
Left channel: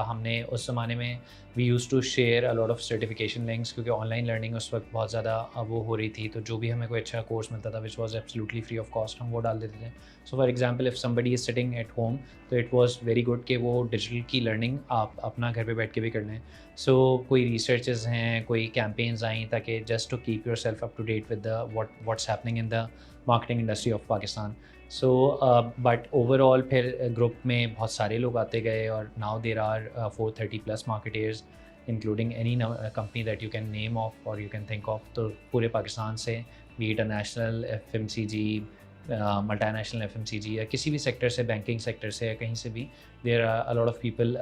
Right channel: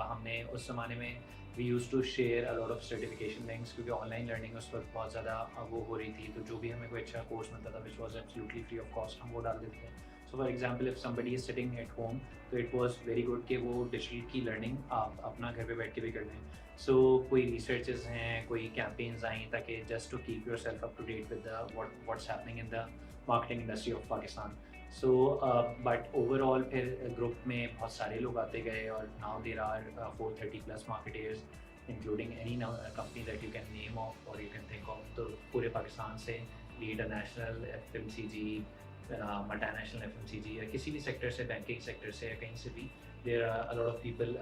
हमने उस ज़माने में we use to share a lot of certification links, क्योंकि ऑनलाइन लर्निंग उस वक्त बहुत ज़्यादा वो हो रही थी, तो जो भी हमें कोई अच्छा कोर्स मिलता था which was absolutely free of cost, हम वो डाल देते थे। सो for example if somebody is sitting at home, तो इट वाज वेरी गुड कि वो डिजिटल की लर्निंग आप अपना घर पे बैठ के भी कर लें। सो कोई रिसर्चेस हैं, कोई कैंपेन्स आई ताकि just to keep yourself up to date with the what's happening in the marketing industry of Pakistan. So but overall फिर ग्रुप में बहुत सारे लोग आते गए और now there are 430+ marketers including any company that you can name of और यू कैन थिंक ऑफ. तो पूरे पाकिस्तान से भी इंटरनेशनल FMCG मल्टीनेशनल FMCG या किसी भी सेक्टर से, बैंकिंग सेक्टर से या कहीं से भी, there are a lot of people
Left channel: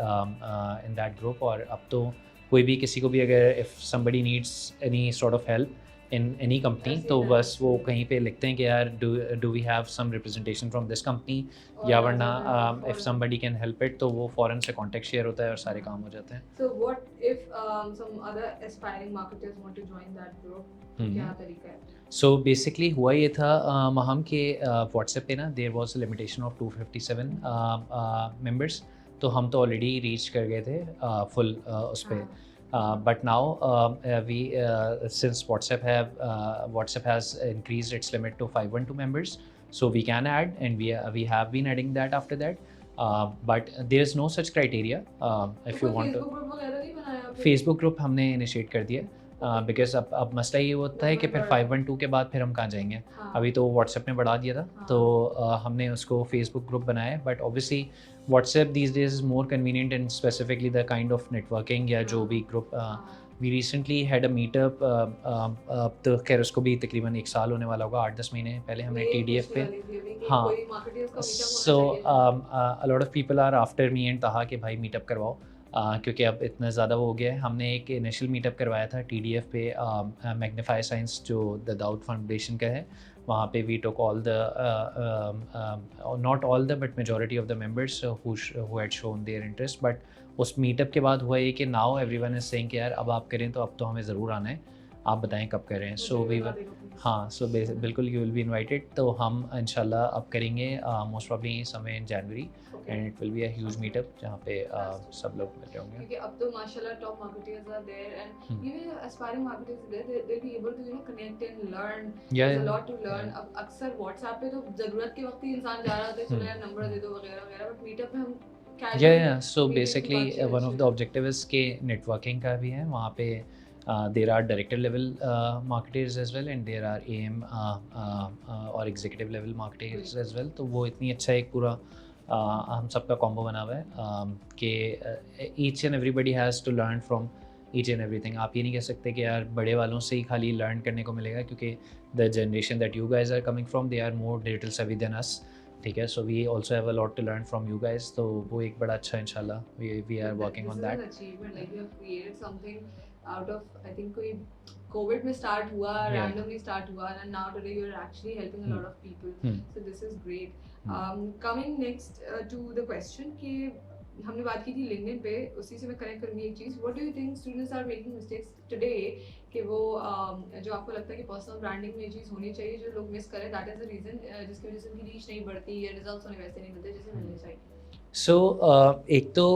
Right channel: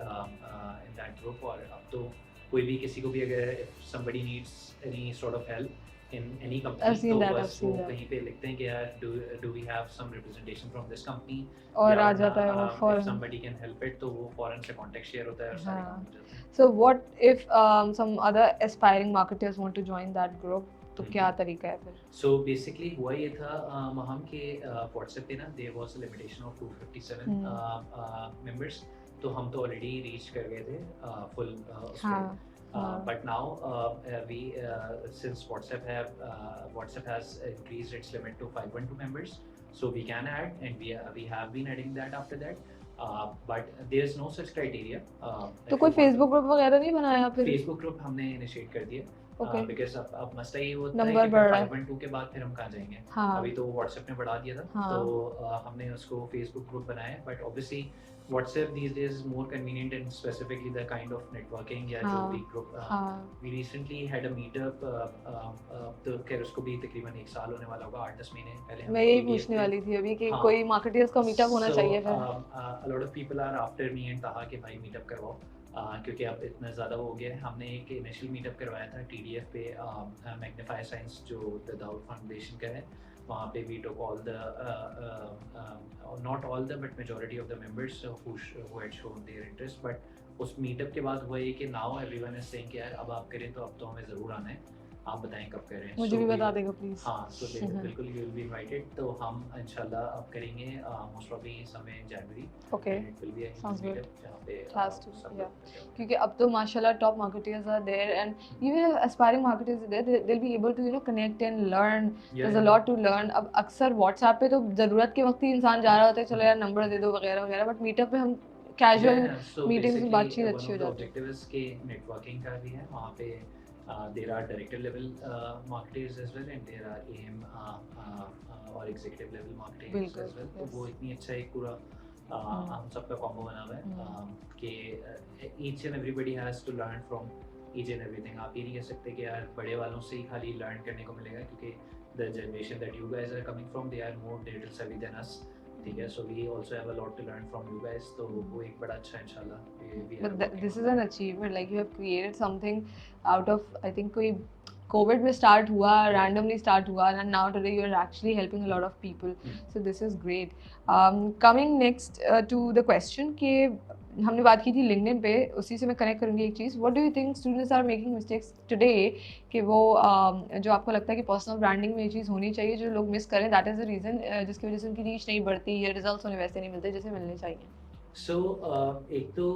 in that group. और अब तो कोई भी किसी को भी अगर if somebody needs any sort of help in any I've company seen तो that, बस I've वो seen that. कहीं पे लिखते हैं कि यार do we have some representation from this company, और या आ वरना जाता है इफ़ फौरन. समबडी कैन हेल्प इट तो वो फ़ौरन से कॉन्टेक्ट शेयर होता है और सारे हाँ. काम हो जाते हैं. So what if some other aspiring marketers want to join that group? तो क्या तरीका है फिर? सो बेसिकली हुआ ये था महम के व्हाट्सएप पे ना there was a limitation of 257 members. तो हम तो ऑलरेडी रीच कर गए थे फुल उस पे. But now we since WhatsApp has increased its limit to 512 members, so we can add, and we have been adding that after that. But there's no such criteria. तो कोई Facebook ग्रुप वगैरह नहीं बनाया फिर? Facebook ग्रुप हमने इनिशिएट कर दिया. बिकॉज अब मसला ये होता है कि फिर 512 के बाद फिर हम कहाँ जाएंगे. अभी तो व्हाट्सएप ने बढ़ा दिया था. तो हमने उसको फेसबुक ग्रुप बनाया. But obviously WhatsApp these days is more convenient and specifically the kind of networking या जो भी group. We recently had a meetup. तो खैर उसको भी तकरीबन 1 साल होने वाला होगा, 8-10 महीने पहले हमने TDF पे. वाली थी अभी कि कोई मार्केटर्स का मीटअप होना चाहिए. A lot of people are after me and कहा कि भाई मीटअप करवाओ. क्योंकि अब इतना ज़्यादा हो गया है. हमने एक इनिशियल मीटअप करवाया था TDF पे, मैग्नीफाई साइंस जो द दाऊद फाउंडेशन का है. वहाँ पे we took all the not all the but majority of the members who had shown their interest. But उस मीटअप के बाद हुआ ये कि नाउ एवरीवन इज सेइंग कि यार अब आप करें तो अब तो हमें ज़रूर आना है, आप बताएं कब करें. सो हाँ, सो बिल्कुल यू विल बी इनवाइटेड. तो हम इंशाल्लाह अब करेंगे मोस्ट प्रॉब्ली समय in January, and it will be a huge meetup जहाँ पे सब लोग मिलते होंगे. क्योंकि अब तो माशाल्लाह top marketers are there and even aspiring marketers are there, they will be able to connect and learn. There is a lot to learn. अब अक्सर WhatsApp पे तो ज़रूरत के वक्त ही इंसान जा रहा होता है, चलो यार नंबर दे दो वगैरह वगैरह. बट मीटअप पे हम casual. So basically one of the objectives के नेटवर्किंग का भी है. वहाँ पे there are director level marketers as well, and there are AM और executive level marketers as well. तो वो इतनी अच्छा एक पूरा हम सबका कॉम्बो बना हुआ है कि each and everybody has to learn from each and everything. आप ये नहीं कह सकते कि यार बड़े वालों से ही खाली लर्न करने को मिलेगा, क्योंकि the generation that you guys are coming from, they are more digital savvy than us. ठीक है. So we also have a lot to learn from you guys. तो वो एक बड़ा अच्छा इंशाल्लाह we are working on that. This is an achievement, like you have created something out of, I think कोई कोविड में स्टार्ट हुआ, रैंडमली स्टार्ट हुआ, and now today you are actually helping a lot of people. So this is great. Coming next to the question कि हमने बात की थी लिंक्डइन पे, उसी से मैं कनेक्ट करूँगी एक चीज़. What do you think students are making mistakes today कि वो जो आपको लगता है कि पर्सनल ब्रांडिंग में ये चीज़ होनी चाहिए जो लोग मिस करें, दैट इज़ द रीज़न जिसकी वजह से उनकी रीच नहीं बढ़ती या रिजल्ट्स उन्हें वैसे नहीं मिलते जैसे मिलने चाहिए? सो एक तो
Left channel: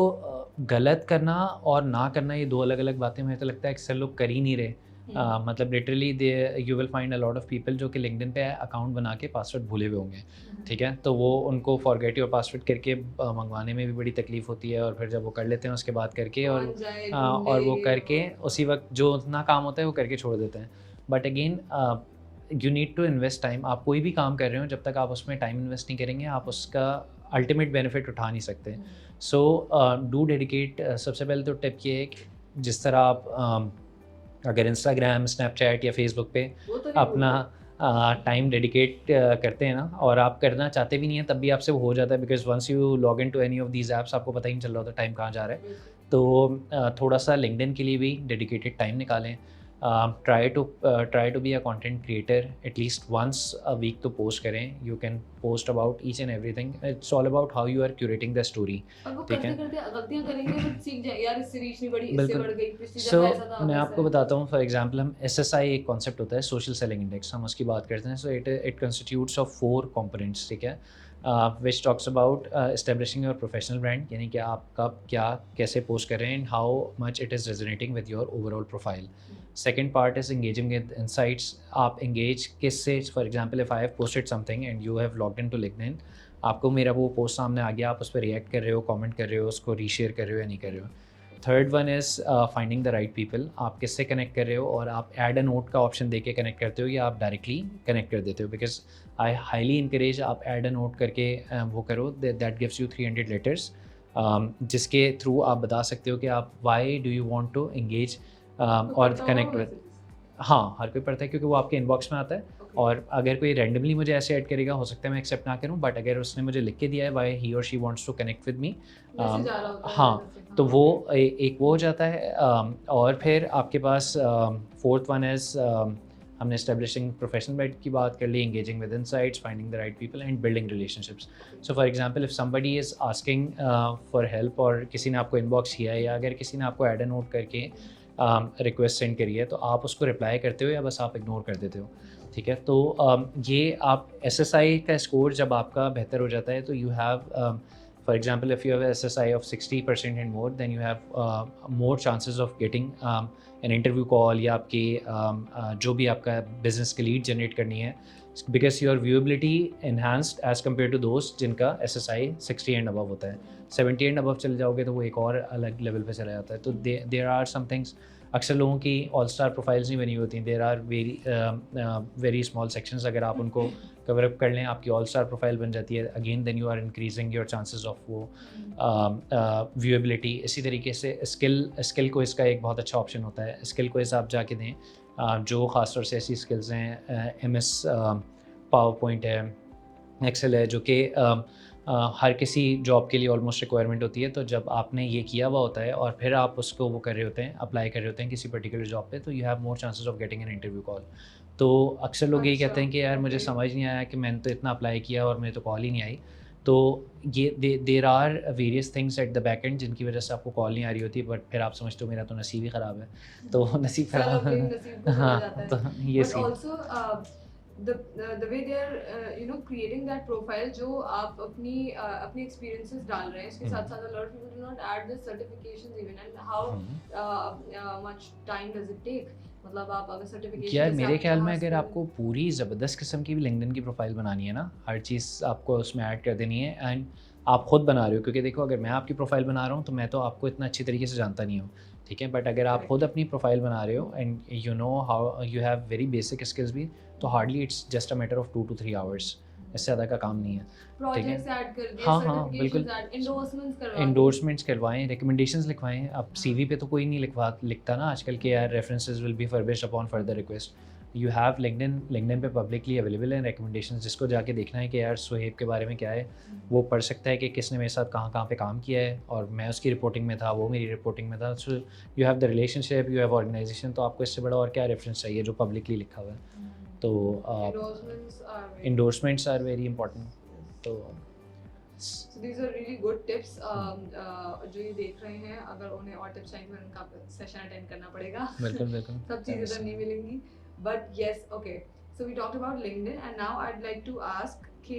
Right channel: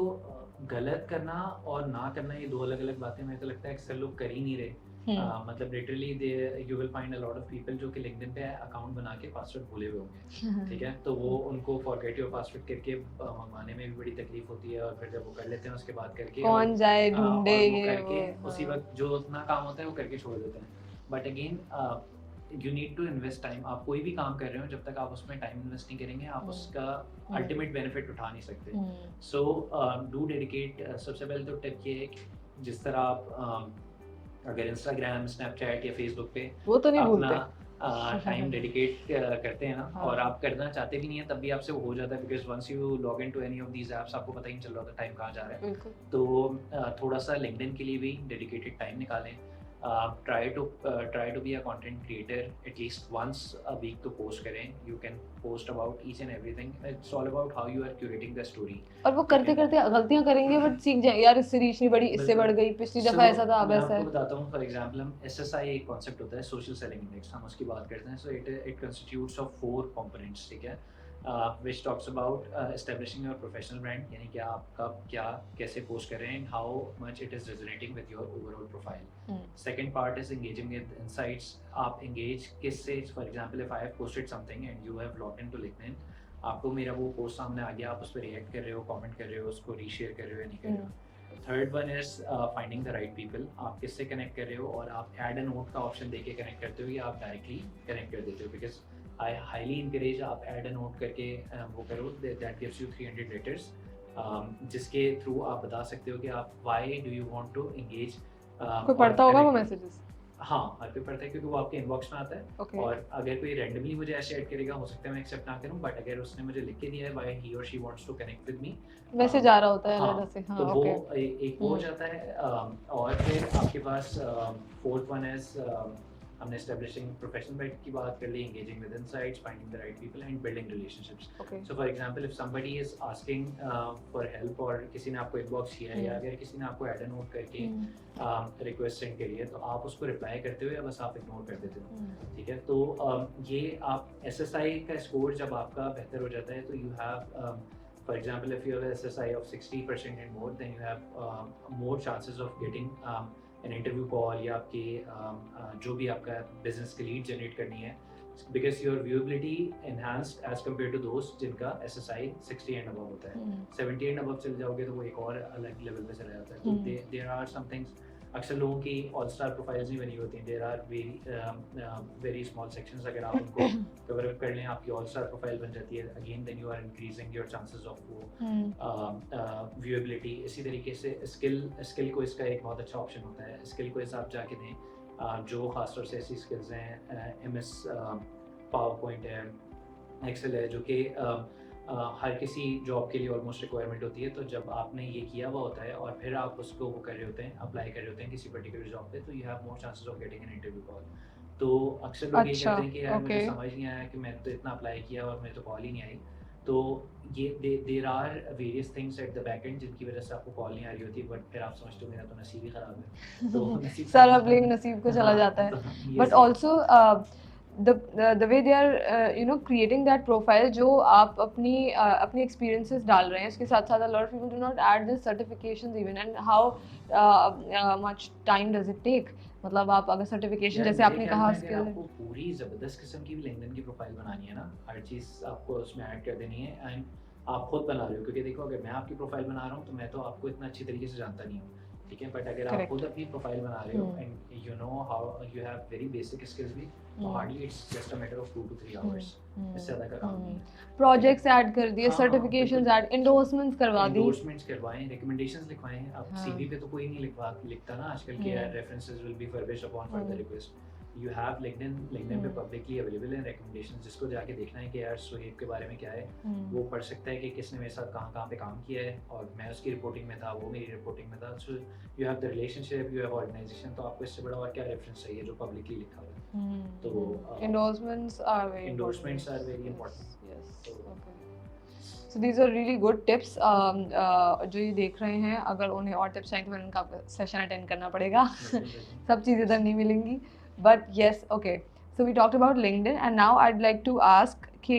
गलत करना और ना करना ये दो अलग अलग बातें मुझे तो लगता है अक्सर लोग कर ही नहीं रहे. मतलब literally they you will find a lot of people जो कि लिंक्डइन पे अकाउंट बना के पासवर्ड भूले हुए होंगे. ठीक है. तो वो उनको फॉरगेट योर पासवर्ड करके मंगवाने में भी बड़ी तकलीफ होती है, और फिर जब वो कर लेते हैं उसके बाद करके और वो करके उसी वक्त जो उतना काम होता है वो करके छोड़ देते हैं. But again you need to invest time. आप कोई भी काम कर रहे हो, जब तक आप उसमें टाइम इन्वेस्ट नहीं करेंगे आप उसका अल्टीमेट बेनिफिट उठा नहीं सकते. So do dedicate. सबसे पहले तो टिप ये है कि जिस तरह आप अगर इंस्टाग्राम, स्नैपचैट या फेसबुक पे तो अपना टाइम डेडिकेट करते हैं ना, और आप करना चाहते भी नहीं हैं तब भी आपसे वो हो जाता है, because once you log in to any of these apps आपको पता ही नहीं चल रहा होता टाइम कहाँ जा रहा है. तो थोड़ा सा लिंक्डइन के लिए भी डेडिकेटेड टाइम निकालें. try to be a content creator at least once a week तो post करें. You can post about each and everything. It's all about how you are curating the story. और वो करते करते गलतियां करेंगे बट सीख जाए यार इससे रीच नहीं बढ़ी, इससे बढ़ गई, पिछली दफा ऐसा था अब ऐसा है. मैं आपको बताता हूँ. फॉर एग्जांपल हम SSI एक कॉन्सेप्ट होता है सोशल सेलिंग इंडेक्स, हम उसकी बात करते हैं. So it constitutes of 4 components. ठीक है. which talks about establishing your professional brand, यानी कि आप कब क्या कैसे पोस्ट कर रहे हैं and how much it is resonating with your overall profile. Second part is engaging with insights. आप engage किससे, for example if I have posted something and you have logged into LinkedIn, आपको मेरा वो पोस्ट सामने आ गया, आप उस पर रिएक्ट कर रहे हो, कमेंट कर रहे हो, उसको रीशेयर कर रहे हो या नहीं कर रहे हो. Third one is finding the right people. आप किससे कनेक्ट कर रहे हो, और आप ऐड अ नोट का ऑप्शन देके कनेक्ट करते हो या आप डायरेक्टली कनेक्ट कर देते हो, बिकॉज आई हाईली इंकरेज आप ऐड अ नोट करके वो करो, दैट गिव्स यू 300 लेटर्स, जिसके थ्रू आप बता सकते हो कि आप why do you want to engage कोई और पढ़ता होगा वो कनेक्ट। मैसेजेस? हाँ, हर कोई पढ़ता है क्योंकि वो आपके इनबॉक्स में आता है। ओके, और अगर कोई रैंडमली मुझे ऐसे ऐड करेगा, हो सकता है मैं एक्सेप्ट ना करूँ, बट अगर उसने मुझे लिख के दिया है व्हाई ही और she wants to connect with me, message आ रहा होता है हाँ, अंदर से, हाँ, तो वो ओके। एक वो हो जाता है। और फिर आपके पास फोर्थ वन इज, हमने एस्टेब्लिशिंग प्रोफेशनल मेरिट की बात कर ली, engaging with insights, finding the right people and building relationships. Okay. So for example if somebody is asking for help, और किसी ने आपको इनबॉक्स किया है, या अगर किसी ने आपको ऐड अ नोट करके रिक्वेस्ट सेंड करी है, तो आप उसको रिप्लाई करते हो या बस आप इग्नोर कर देते हो, ठीक है। तो ये आप SSI का स्कोर जब आपका बेहतर हो जाता है, तो you have, for example, if you have a SSI of 60% and more, then you have more chances of getting an interview call, या आपकी जो भी आपका बिजनेस की लीड जनरेट करनी है, because your viewability enhanced as compared to those जिनका SSI 60 and above होता है। 70 and above चले जाओगे तो वो एक और अलग लेवल पे चला जाता है। तो there are some things, अक्सर लोगों की ऑल स्टार प्रोफाइल्स नहीं बनी होती, there are very small sections, अगर आप उनको कवर अप कर लें आपकी ऑल स्टार प्रोफाइल बन जाती है। Again then you are increasing your chances of वो व्यूएबिलिटी। इसी तरीके से स्किल को इसका एक बहुत अच्छा ऑप्शन होता है। स्किल को आप जाके दें, जो ख़ासतौर से ऐसी स्किल्स हैं, MS पावर पॉइंट है, एक्सेल है, जो कि हर किसी जॉब के लिए ऑलमोस्ट रिक्वायरमेंट होती है। तो जब आपने ये किया हुआ होता है और फिर आप उसको वो कर रहे होते हैं, अप्लाई कर रहे होते हैं किसी पर्टिकुलर जॉब पे, तो you have more chances of getting an interview call. तो अक्सर लोग यही अच्छा, कहते हैं कि यार मुझे ओके। समझ नहीं आया कि मैंने तो इतना अप्लाई किया और मुझे तो कॉल ही नहीं आई। तो ये there are various things at the back end जिनकी वजह से आपको कॉल नहीं आ रही होती, बट फिर आप समझते हो मेरा तो नसीब ही ख़राब है। तो नसीब सारा ब्लेम नसीब को चला हाँ, जाता है। तो ये but seen. Also the way they are creating that profile, जो आप अपनी experiences डाल रहे हैं, उसके साथ साथ a lot of people do not add the certifications even, and how much time does it take? मतलब आप अगर सर्टिफिकेशन यार जैसे मेरे आपने ख्याल कहा में अगर आपको पूरी ज़बरदस्त किस्म की भी लिंक्डइन की प्रोफाइल बनानी है ना, हर चीज़ आपको उसमें ऐड कर देनी है, एंड आप खुद बना रहे हो, क्योंकि देखो अगर मैं आपकी प्रोफाइल बना रहा हूँ तो मैं तो आपको इतना अच्छी तरीके से जानता नहीं हूँ, ठीक है। बट अगर आप Correct. खुद अपनी प्रोफाइल बना रहे हो and you know how you have very basic skills भी, तो hardly it's just a matter of 2 to 3 hours, इससे ज़्यादा का काम नहीं है। प्रोजेक्ट्स ऐड कर दिए, हाँ, हाँ, सर्टिफिकेशंस बिल्कुल। ऐड, एंडोर्समेंट्स करवा दिए। एंडोर्समेंट्स करवाएं, रिकमेंडेशंस लिखवाएं। अब हाँ। CV पे तो कोई नहीं लिखता ना आजकल के, यार references will be furbished upon further request. You have LinkedIn पे पब्लिकली अवेलेबल है रिकमेंडेशंस, जिसको जाके देखना है कि यार सुहेब के बारे में क्या है, वो पढ़ सकता है कि किसने मेरे साथ कहाँ कहाँ पे काम किया है, और मैं उसकी रिपोर्टिंग में था, वो मेरी रिपोर्टिंग में था। So you have the relationship, you have organisation, तो आपको इससे बड़ा और क्या रेफरेंस चाहिए जो पब्लिकली लिखा हुआ है। तो एंडोर्समेंट्स आर वेरी इंपॉर्टेंट। तो So these are really good tips. जो ये देख रहे हैं, अगर उन्हें और टिप्स चाहिए तो फिर उनका सेशन अटेंड करना पड़ेगा। बिल्कुल सब चीज़ें इधर नहीं मिलेंगी। But yes, okay. So we talked about LinkedIn, and now I'd like to ask कि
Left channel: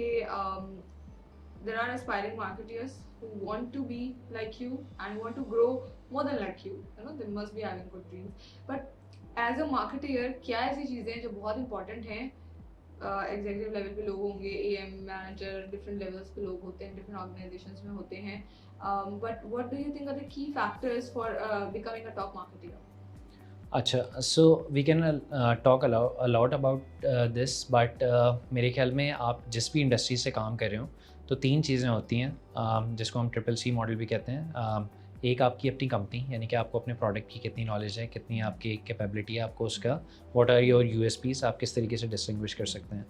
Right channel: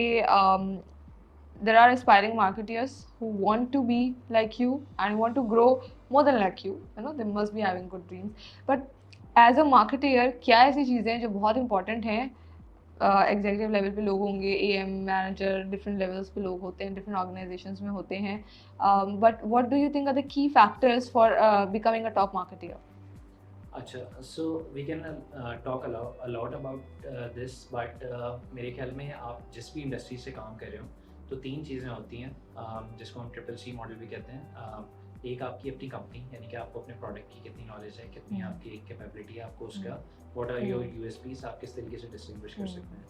there are aspiring marketeers who want to be like you and want to grow more than like you. You know, they must be having good dreams. But as a marketer, क्या ऐसी चीज़ें हैं जो बहुत important हैं? एग्जीक्यूटिव लेवल पे लोग होंगे, AM मैनेजर, डिफरेंट लेवल्स पे लोग होते हैं, डिफरेंट ऑर्गेनाइजेशंस में होते हैं, but what do you think are the key factors for becoming a top marketer? अच्छा, so we can talk a lot about this, but मेरे ख्याल में आप जिस भी इंडस्ट्री से काम कर रहे हो तो 3 चीज़ें होती हैं, जिसको हम CCC मॉडल भी कहते हैं। एक आपकी अपनी कंपनी, यानी कि आपको अपने प्रोडक्ट की कितनी नॉलेज है, कितनी आपकी कैपेबिलिटी है, आपको उसका व्हाट आर योर USPs, आप किस तरीके से डिस्टिंग्विश कर सकते हैं।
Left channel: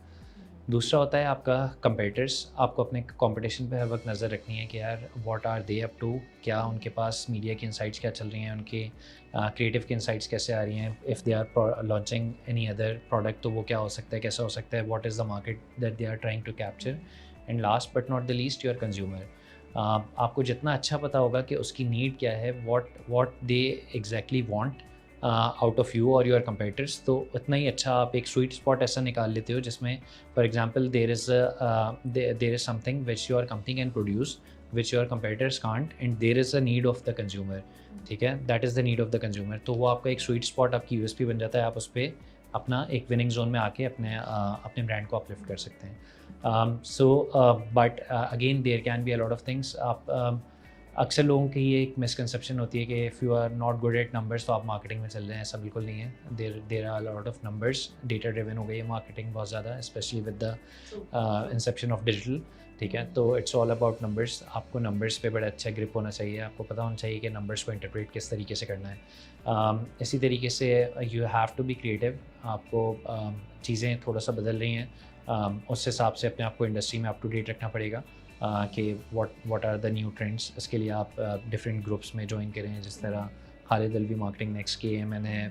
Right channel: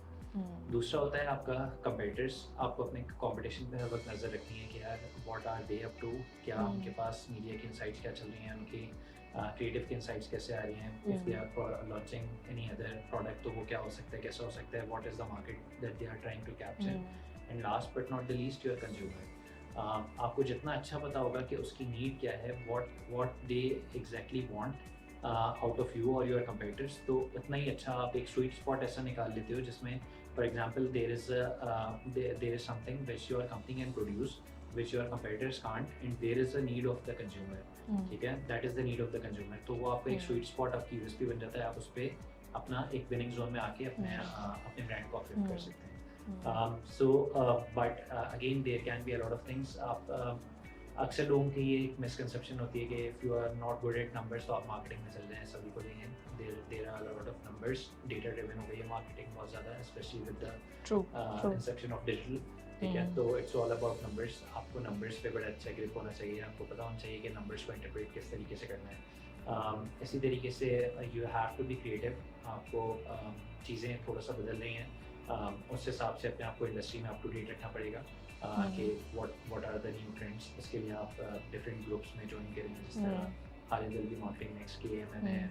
दूसरा होता है आपका कंपेटिटर्स, आपको अपने कंपटीशन पे हर वक्त नज़र रखनी है कि यार what are they up to, क्या उनके पास मीडिया की इनसाइट्स क्या चल रही हैं, उनके क्रिएटिव की इनसाइट्स कैसे आ रही हैं, if they are launching any other product तो वो क्या हो सकता है, कैसा हो सकता है, what is the market that they are trying to capture, and last but not the least your consumer. आपको जितना अच्छा पता होगा कि उसकी नीड क्या है, what they exactly want out of you और योर कंपेटिटर्स, तो उतना ही अच्छा आप एक स्वीट स्पॉट ऐसा निकाल लेते हो जिसमें for example there is something which your company can produce which your competitors can't, and there is a need of the consumer, ठीक है, that is the need of the consumer. तो वो आपका एक स्वीट स्पॉट, आपकी USP बन जाता है, आप उस पर अपना एक विनिंग जोन में आके अपने ब्रांड को अपलिफ्ट कर सकते हैं। So but again there can be a lot of things. आप अक्सर लोगों की ये एक मिसकंसेप्शन होती है कि if you are not good at numbers तो आप मार्केटिंग में चल रहे हैं, ऐसा बिल्कुल नहीं है। There are lot of numbers, data driven हो गई है मार्केटिंग बहुत ज़्यादा, specially with the inception of digital, ठीक है। तो इट्स ऑल अबाउट नंबर्स। आपको नंबर्स पे बड़ा अच्छा ग्रिप होना चाहिए, आपको पता होना चाहिए कि नंबर्स को इंटरप्रेट किस तरीके से करना है। इसी तरीके से you have to be creative. आपको चीज़ें थोड़ा सा बदल रही हैं, उस हिसाब से अपने आप को इंडस्ट्री में अप टू डेट रखना पड़ेगा कि what are the new trends. इसके लिए आप डिफरेंट ग्रुप्स में ज्वाइन करें, जिस तरह खालिद अलवी मार्केटिंग नेक्स्ट किए हैं मैंने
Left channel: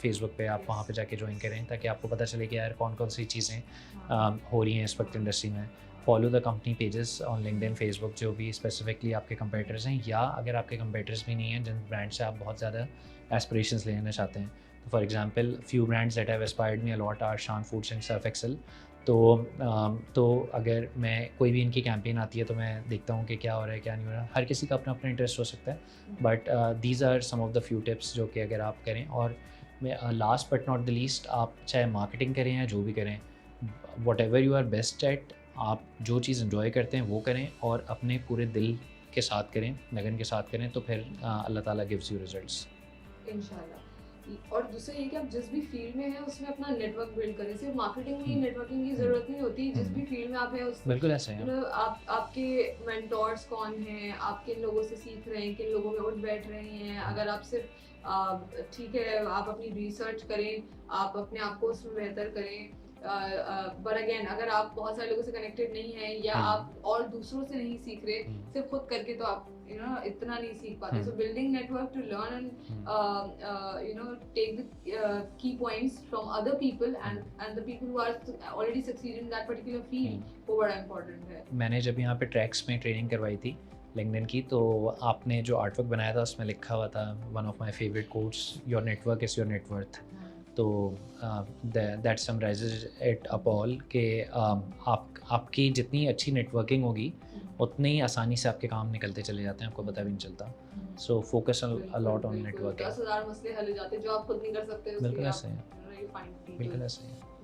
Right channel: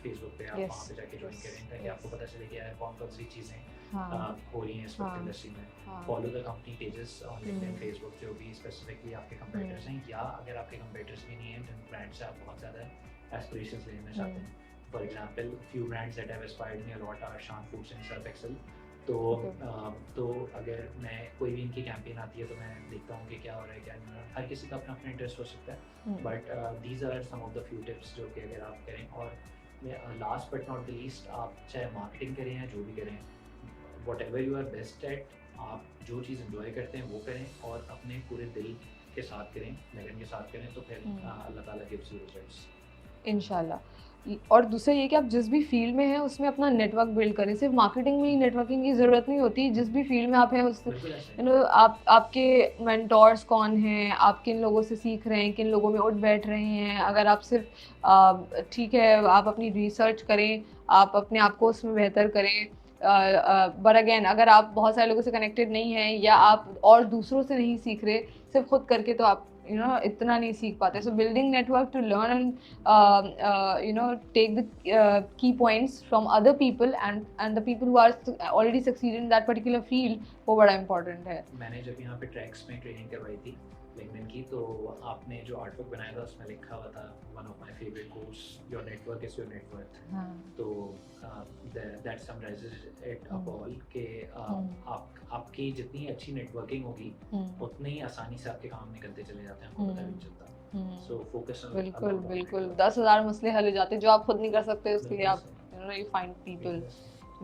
फेसबुक पे, आप Yes. वहाँ पे जाके ज्वाइन करें ताकि आपको पता चले कि यार कौन कौन सी चीज़ें हाँ, हो रही हैं इस वक्त हाँ, इंडस्ट्री में। हाँ, follow the company pages on LinkedIn, hmm, Facebook, जो भी स्पेसिफिकली आपके कंपेटर्स हैं, या अगर आपके कंपेटर्स भी नहीं हैं जिन ब्रांड से आप बहुत ज़्यादा एस्पिरेशंस लेना चाहते हैं। For example few brands that have inspired me a lot are Shan Foods and Surf Excel. तो अगर मैं कोई भी इनकी कैंपेन आती है तो मैं देखता हूँ कि क्या हो रहा है क्या नहीं हो रहा। हर किसी का अपना अपना इंटरेस्ट हो सकता है, but these are some of the few tips जो कि अगर आप करें। और last but not the least, आप चाहे मार्केटिंग करें या जो भी करें, whatever you are best at, आप जो चीज़ इन्जॉय करते हैं वो करें और अपने पूरे दिल के साथ करें, लगन के साथ करें, तो फिर अल्लाह ताला गिव्स यू रिजल्ट्स। इंशाल्लाह। और दूसरा ये कि आप जिस भी फील्ड में हैं उसमें अपना नेटवर्क बिल्ड करें। सिर्फ मार्केटिंग में ही नेटवर्किंग की ज़रूरत नहीं होती, जिस भी फील्ड में आप हैं उसमें बिल्कुल ऐसे यू है। नो आपके मेंटोर्स कौन हैं, आप किन लोगों से सीख रहे हैं, किन लोगों में उठ बैठ रहे हैं। अगर आप सिर्फ ठीक है आप अपनी रिसर्च करें, आप अपने आप को उसमें बेहतर करें, बट अगेन अगर आप बहुत सारे लोगों से कनेक्टेड नहीं हैं या आप और दूसरों से नहीं सीख रहे, सिर्फ खुद करके तो आप इतना नहीं सीख पाते। So building network to learn take the key points from other people and the people who are already succeeded in that particular field, वो बड़ा important है। मैंने जब यहाँ पे ट्रैक्स में ट्रेनिंग करवाई थी लिंक्डइन की, तो आपने जो आर्टवर्क बनाया था उसमें लिखा हुआ था one of my favourite quotes, your network is your net worth. तो that summarises it up all कि आपकी जितनी अच्छी नेटवर्किंग होगी उतनी ही आसानी से आपके काम निकलते चले जाते हैं, आपको पता भी नहीं चलता। So focus a lot on network. 10,000 मसले हल हो जाते हैं जो आप खुद नहीं कर सकते, उसके लिए आप you find people to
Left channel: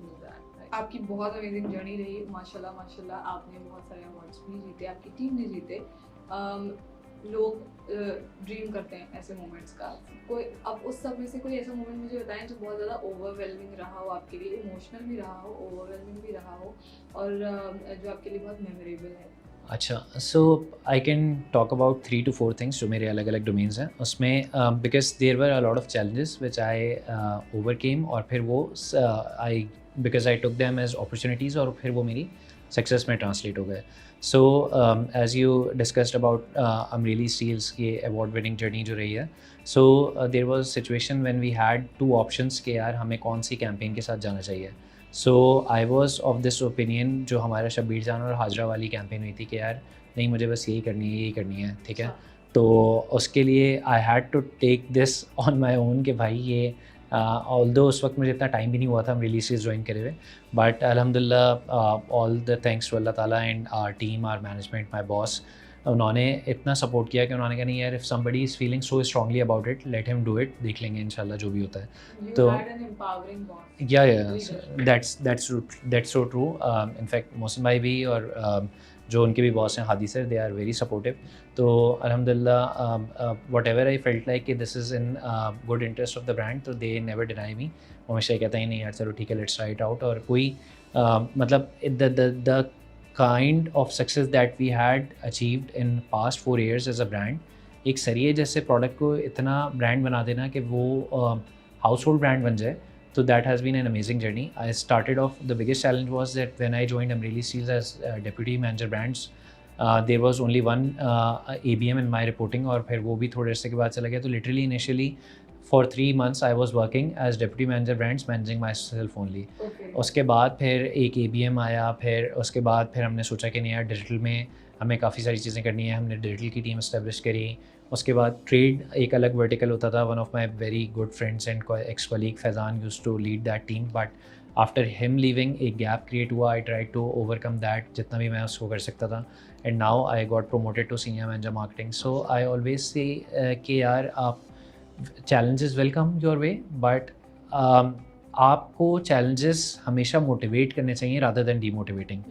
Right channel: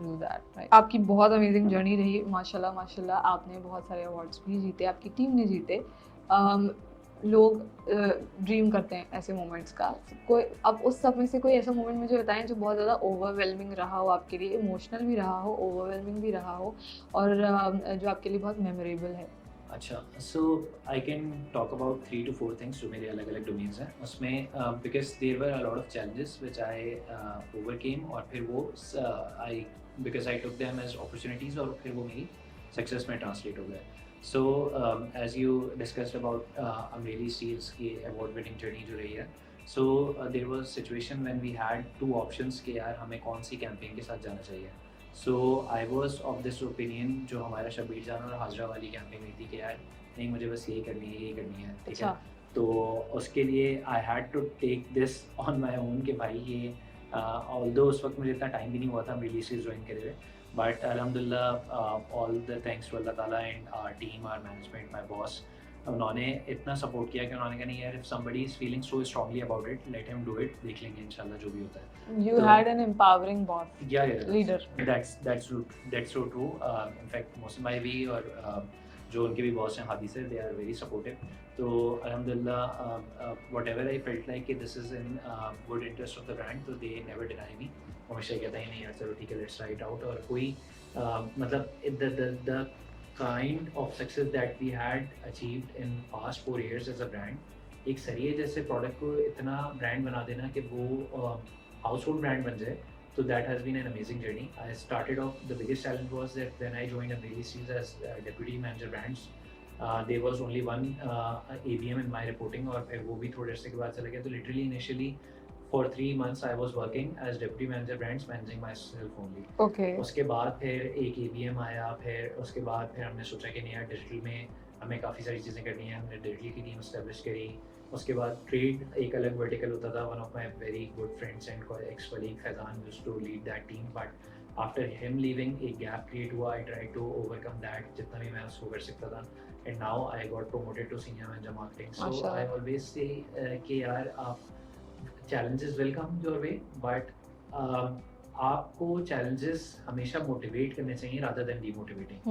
do that, right? आपकी बहुत अमेजिंग जर्नी रही, माशाल्लाह माशाल्लाह। आपने बहुत सारे अवार्ड्स भी जीते, आपकी टीम ने जीते। लोग ड्रीम करते हैं ऐसे मोमेंट्स का। कोई अब उस सब में से कोई ऐसा मोमेंट मुझे बताएं जो बहुत ज़्यादा ओवरवेलमिंग रहा हो आपके लिए, इमोशनल भी रहा हो, ओवरवेलमिंग भी रहा हो, और जो आपके लिए बहुत मेमोरेबल है। अच्छा, so I can talk about 3 to 4 things जो मेरे अलग अलग डोमेन्स हैं उसमें, because there were a lot of challenges which I overcame, और फिर वो because I took them as opportunities और फिर वो मेरी सक्सेस में ट्रांसलेट हो गए। So as you discussed about Amreli steels की अवार्ड विनिंग जर्नी जो रही है, so there was situation when we had 2 options कि यार हमें कौन सी कैंपेन के साथ जाना चाहिए। So I was of this opinion, जो हमारा शब्बीर जान और हाजरा वाली कैंपेन हुई थी कि यार नहीं मुझे बस यही करनी है, यही करनी है, ठीक है। तो उसके लिए I had to take this on my own कि भाई ये ऑल्दो उस वक्त मुझे इतना टाइम भी नहीं हुआ था रिलीज ज्वाइन करे हुए, बट अल्हम्दुलिल्लाह ऑल द थैंक्स टू अल्लाह ताला and our team, our management, my boss, उन्होंने इतना सपोर्ट किया कि उन्होंने कहा नहीं यार, if somebody is feeling so strongly about it, let him do it, देख लेंगे इंशाल्लाह जो भी होता है। You तो had an empowering boss, leader. that's so true. In fact Mohsin भाई भी और जो उनके भी बॉस हैं Hadi sir, they are very supportive. तो अल्हम्दुलिल्लाह whatever I felt like कि this is in good interest of the brand, तो दे नेवर डिनाई मी। हमेशा कहता ही नहीं यार चलो ठीक है लेट्स ट्राई इट आउट। और कोई मतलब the kind of success that we had achieved in past 4 years as a brand, एक सरिये जैसे प्रोडक्ट को इतना ब्रांड बना देना कि वो हाउस होल्ड ब्रांड बन जाए, तो that has been an amazing journey. I started off the biggest challenge was that when I joined Amreli Steels as deputy manager brands, there was only one ABM in my reporting, और फिर वो भी थोड़े अर्से के बाद चला गया। तो literally initially for 3 months I was working as deputy manager brands, managing myself only. Okay. उसके बाद फिर एक ABM आया, फिर उसके बाद फिर हमने सोचा कि नहीं यार डिजिटल में हमें काफ़ी सारी चीज़ें करनी है, हमने डिजिटल की टीम इस्टेब्लिश करी। उसके बाद ट्रेड एक अलग वर्टिकल होता था, one of my very good friends and ex colleague Faizan used to lead that team, but after him leaving एक गैप क्रिएट हुआ। I try to overcome that जितना भी मैं उसको कर सकता था, and now I got promoted to senior manager marketing. So I always say कि यार आप challenges will come your way, but आपको चैलेंजेस हमेशा मोटिवेट करने चाहिए रादर देन डीमोटिवेटिंग,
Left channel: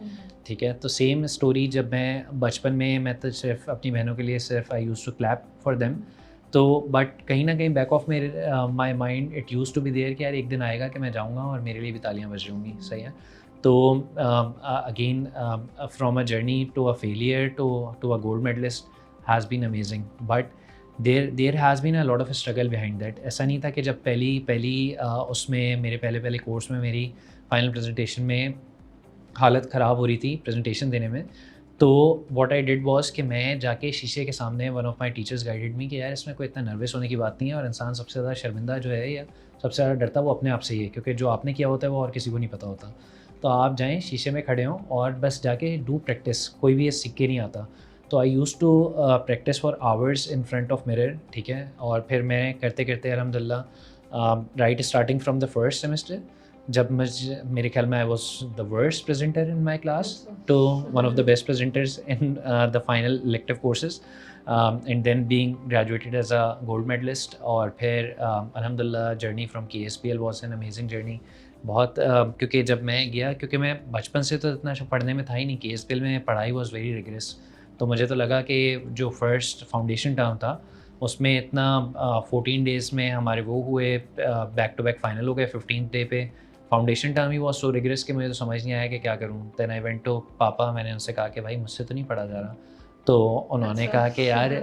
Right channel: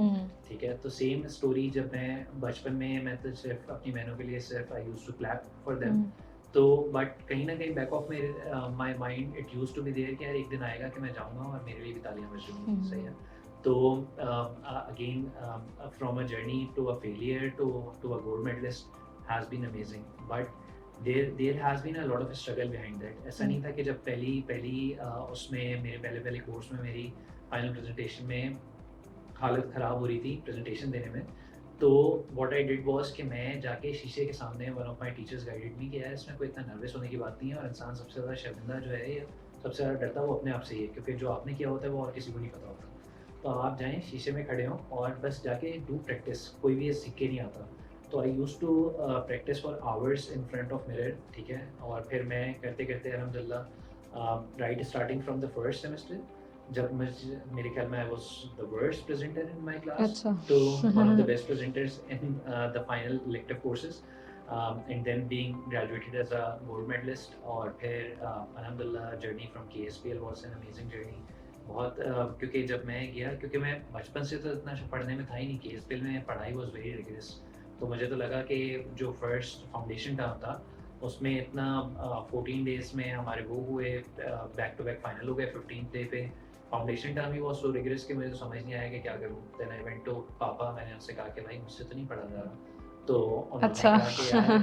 ठीक है। तो सेम स्टोरी, जब मैं बचपन में, मैं तो सिर्फ अपनी बहनों के लिए सिर्फ I use to clap for them, तो बट कहीं ना कहीं बैक ऑफ मेरे my mind it use to be there कि यार एक दिन आएगा कि मैं जाऊँगा और मेरे लिए भी तालियां बज रही होंगी, सही है। तो again from a journey to a failure to a gold medallist has been amazing, but there has been a lot of struggle behind that. ऐसा नहीं था कि जब पहली उसमें मेरे पहले कोर्स में मेरी फाइनल प्रेजेंटेशन में हालत ख़राब हो रही थी प्रेजेंटेशन देने में, तो व्हाट आई डिड वाज कि मैं जाके शीशे के सामने, one of my teachers guided मी कि यार इसमें कोई इतना नर्वस होने की बात नहीं है, और इंसान सबसे ज़्यादा शर्मिंदा जो है या सबसे ज़्यादा डरता वो अपने आप से ही है, क्योंकि जो आपने किया होता है वो और किसी को नहीं पता होता। तो आप जाएँ शीशे में खड़े हों और बस जाके डू प्रैक्टिस, कोई भी ये सीख के नहीं आता। तो I use to practice for hours in front of mirror, ठीक है। और फिर मैं करते करते अल्हम्दुलिल्लाह right starting from the first semester, जब मेरे ख्याल में I was the worst presenter in my class to one of the best presenters in the final elective courses, and then being graduated as a gold medalist. और फिर अल्हम्दुलिल्लाह journey from KSPL was an amazing journey. बहुत क्योंकि जब मैं गया, क्योंकि मैं बचपन से तो इतना पढ़ने में था ही नहीं, KSPL में पढ़ाई वॉज वेरी रिगरस, तो मुझे तो लगा कि जो फर्स्ट फाउंडेशन टर्म था उसमें इतना 14 डेज़ में हमारे वो हुए, बैक टू बैक फाइनल हो गए 15th डे पे। फाउंडेशन टर्म ही बहुत सो रिगरस कि मुझे तो समझ नहीं आया कि क्या करूँ। देन आई वेंट टू पापा, मैंने उनसे कहा कि भाई मुझसे तो नहीं पढ़ा जा रहा। तो उन्होंने कहा कि यार